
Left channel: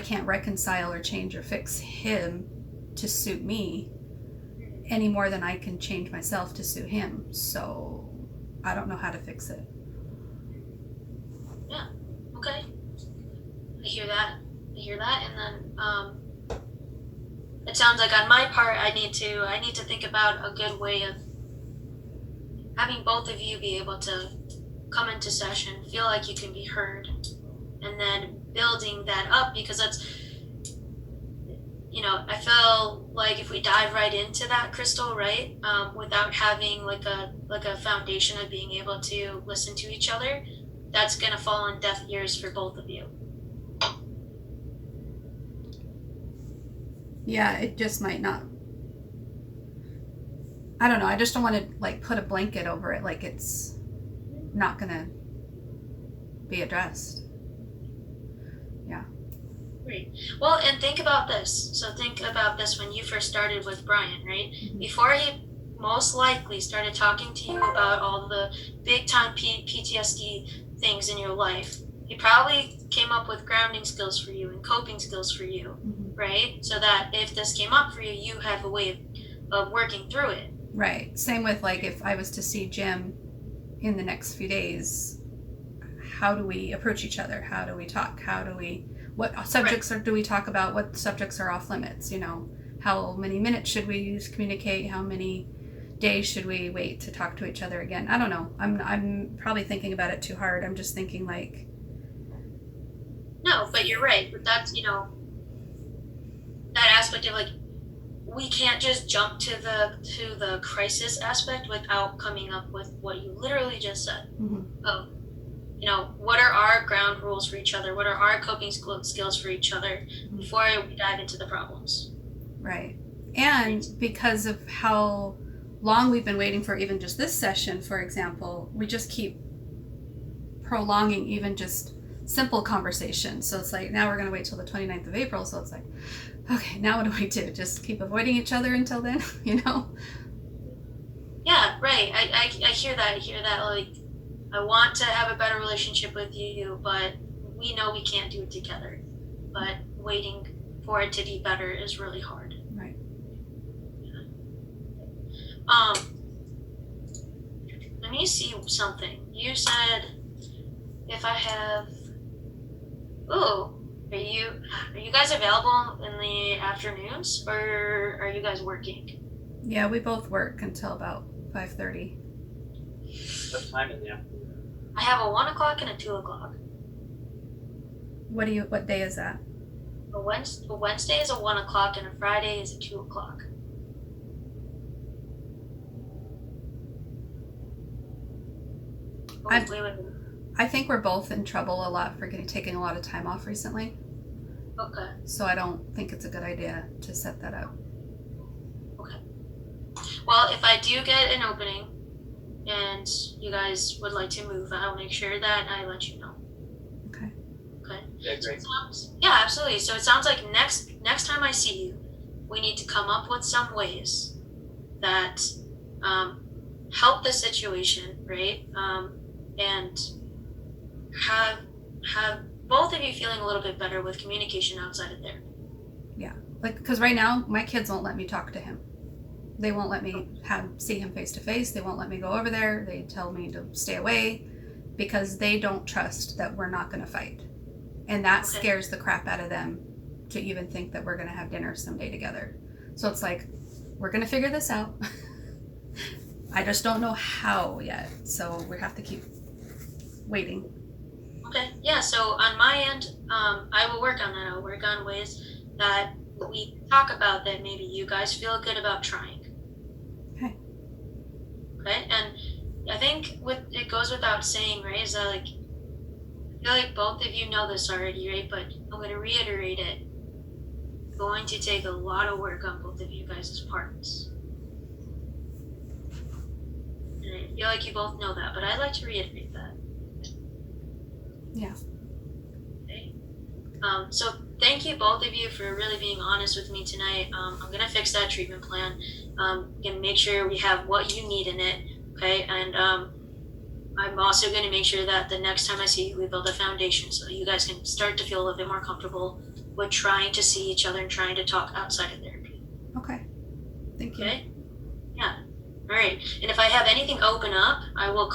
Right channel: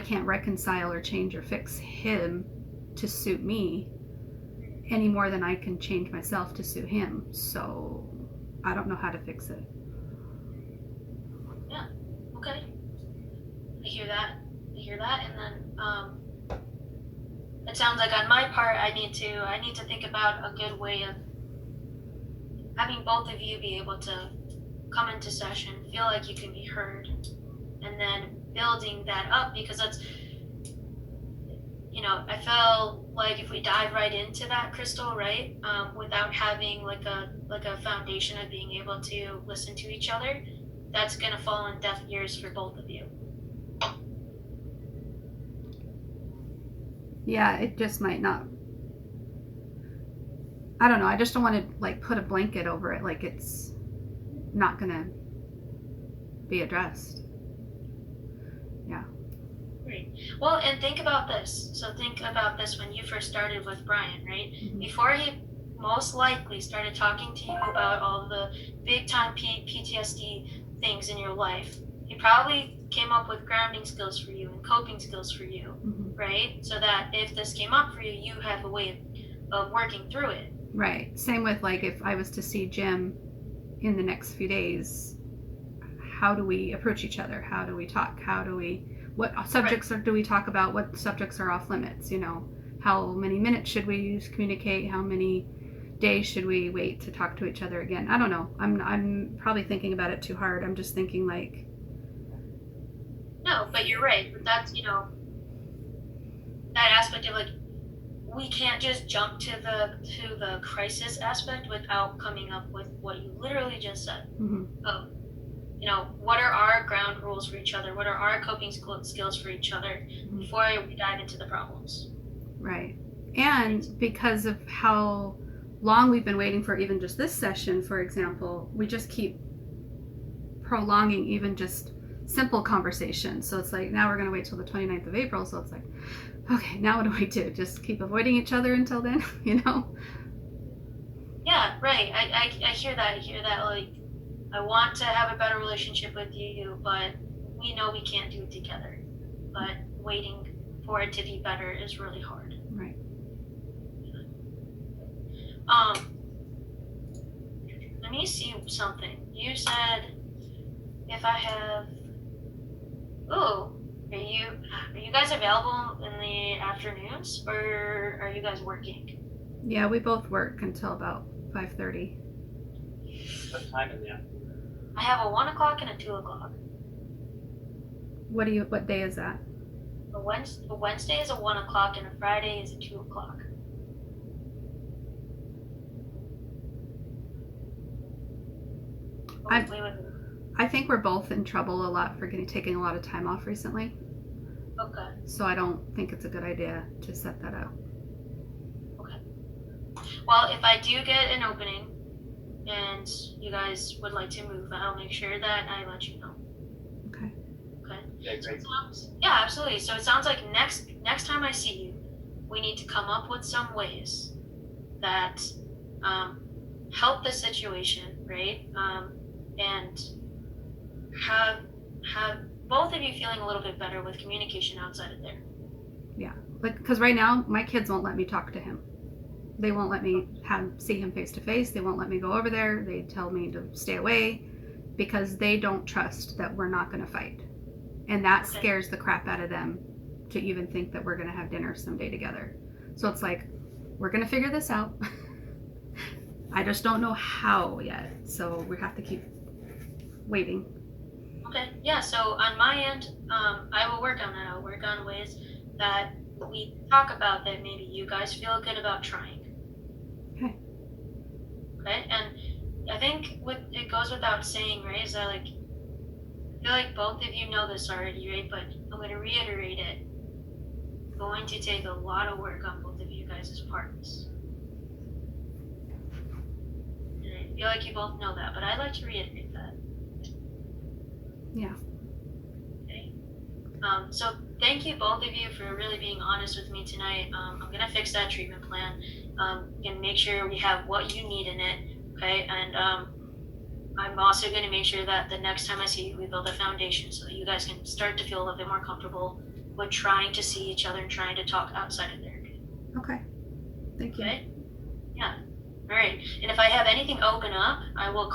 can't reconcile or change or fix him to suit me any more than I can change myself to suit him. So I don't know how to fix it. Yeah. Okay. I hear that, and then it sounds like on my part, I need to think about a good way of having both of you be able to come into session, feel like you can be heard, and then building that up, because that's, I feel like if we dive right into that, Crystal, right, without having like a foundation of being able to listen to each other, that's gonna fall on deaf ears for both of you. Yeah, it just might not. I don't know. I just don't want to like put a blanket over it like it's not gonna be addressed. Yeah. Great. Well, and think about this. So think about this when you first started with Brian, right? Mm-hmm. Before he most likely started talking to you about all the big time PTSD things in your life, he probably came up with grounding skills for you and coping skills for you, right? So that if this came up for you, you have a way of working through it. Right. Same with like if I was to see Jim in the next few days, how do we approach each other? How do we talk? What subjects do we talk about? What subjects are off limits? How many minutes should we use to communicate? How many days should we wait to talk to each other again? I don't know. I'm probably thinking about it too hard. I'm just thinking like. No, but you're right. But that's, that aspect of like, we can't just jump to the crisis aspect without coming up with what you literally just said. Of, what are our ground rules for each other? What are our coping skills for each other before we dive into the problems? Right. And because of how long we've been waiting for even just this session, for example, we just keep prolonging even just simple conversations. So it's like, now we're going to wait till the 29th of April. So it's like, okay, now what do we do? Just keep avoiding each other until then, Yeah, right. I hear that. Like, I want to have a better relationship with you, but we know we can't do it together. But waiting for it to be better is really hard. Right. Let me see something. You said if I have. Ooh, are you guys available in the afternoons, or are you guys working? Yeah, we both work until about 5:30. What time in the afternoon? I have a 1 o'clock and a 2 o'clock. What day is that? A Wednesday is a 1 o'clock and a Friday is a 2 o'clock. Oh, wait. I think we're both in trouble a lot for taking a lot of time off recently. Okay. So I don't think it's a good idea to set that up. Okay. Well, if I do get an opening and you guys would like to move, I'll make sure that I let you know. Okay. Okay. Yeah, great. Yeah, absolutely. So it sounds like next time I see you, we need to come up with some ways that help the situation, right? And have both of you feeling a little bit better with communication outside of there. Yeah, like, because right now my kids won't let me talk to him. They won't let me see him face to face. They won't let me go over there. They tell me to stay away because they don't trust that we're not going to fight. And that scares the crap out of them to even think that we're going to have dinner someday together. So it's like, we're going to figure this out. I just don't know how yet. So we have to keep waiting. Okay, yeah, so on my end, I will work on that. I'll work on ways that we talk about that maybe you guys feel good about trying. Okay, and I think it goes without saying, right, is that like, I feel like both of you know this already, right, but I'm going to reiterate it. It's going to take a lot of work on both of you guys' parts. And I feel like you both know that, but I'd like to reiterate that. Yeah. Okay. So thank you both of you for really being honest with me tonight. I'm going to fix that treatment plan. Gonna make sure we have what you need in it, okay? And I'm also going to make sure that the next time I see you, we build a foundation so that you guys can start to feel a little bit more comfortable with trying to see each other and trying to talk outside of therapy. Okay. Thank you. Okay? Yeah. All right. And if I have anything open up, I will.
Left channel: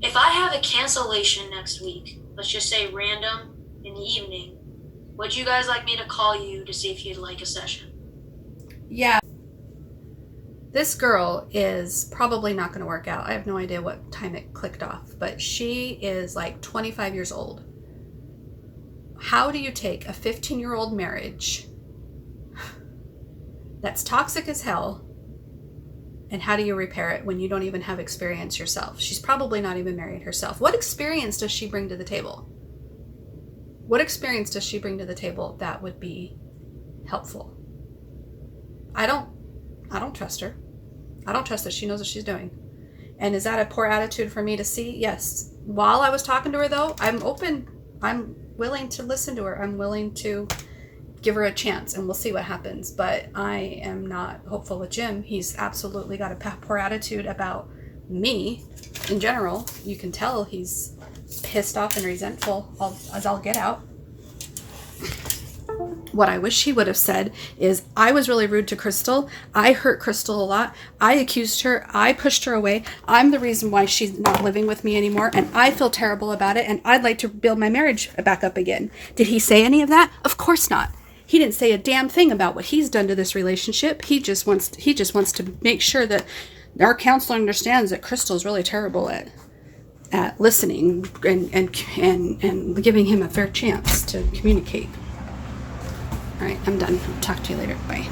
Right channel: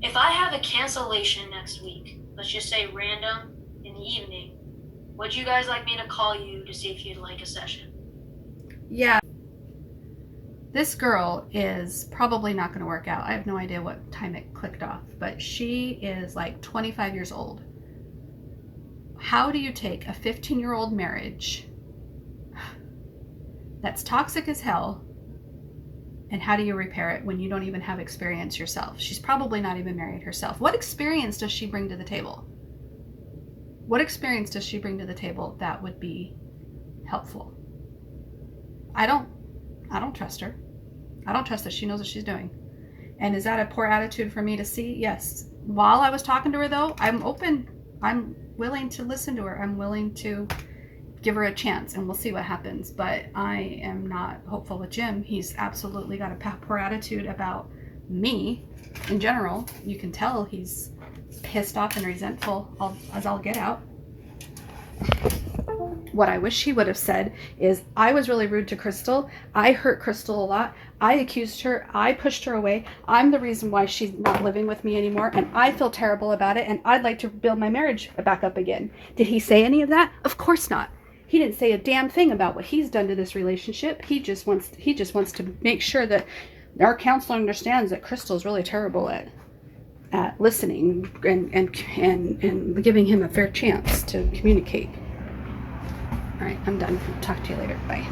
If I have a cancellation next week, let's just say random in the evening, would you guys like me to call you to see if you'd like a session? Yeah. This girl is probably not going to work out. I have no idea what time it clicked off, but she is like 25 years old. How do you take a 15-year-old marriage that's toxic as hell, and how do you repair it when you don't even have experience yourself? She's probably not even married herself. What experience does she bring to the table? What experience does she bring to the table that would be helpful? I don't trust her. I don't trust that she knows what she's doing. And is that a poor attitude for me to see? Yes. While I was talking to her, though, I'm open. I'm willing to listen to her. I'm willing to give her a chance, and we'll see what happens. But I am not hopeful with Jim. He's absolutely got a poor attitude about me in general. You can tell he's pissed off and resentful as I'll get out. What I wish he would have said is, I was really rude to Crystal. I hurt Crystal a lot. I accused her. I pushed her away. I'm the reason why she's not living with me anymore, and I feel terrible about it, and I'd like to build my marriage back up again. Did he say any of that? Of course not. He didn't say a damn thing about what he's done to this relationship. He just wants to make sure that our counselor understands that Crystal's really terrible at listening and giving him a fair chance to communicate. All right, I'm done. Talk to you later. Bye.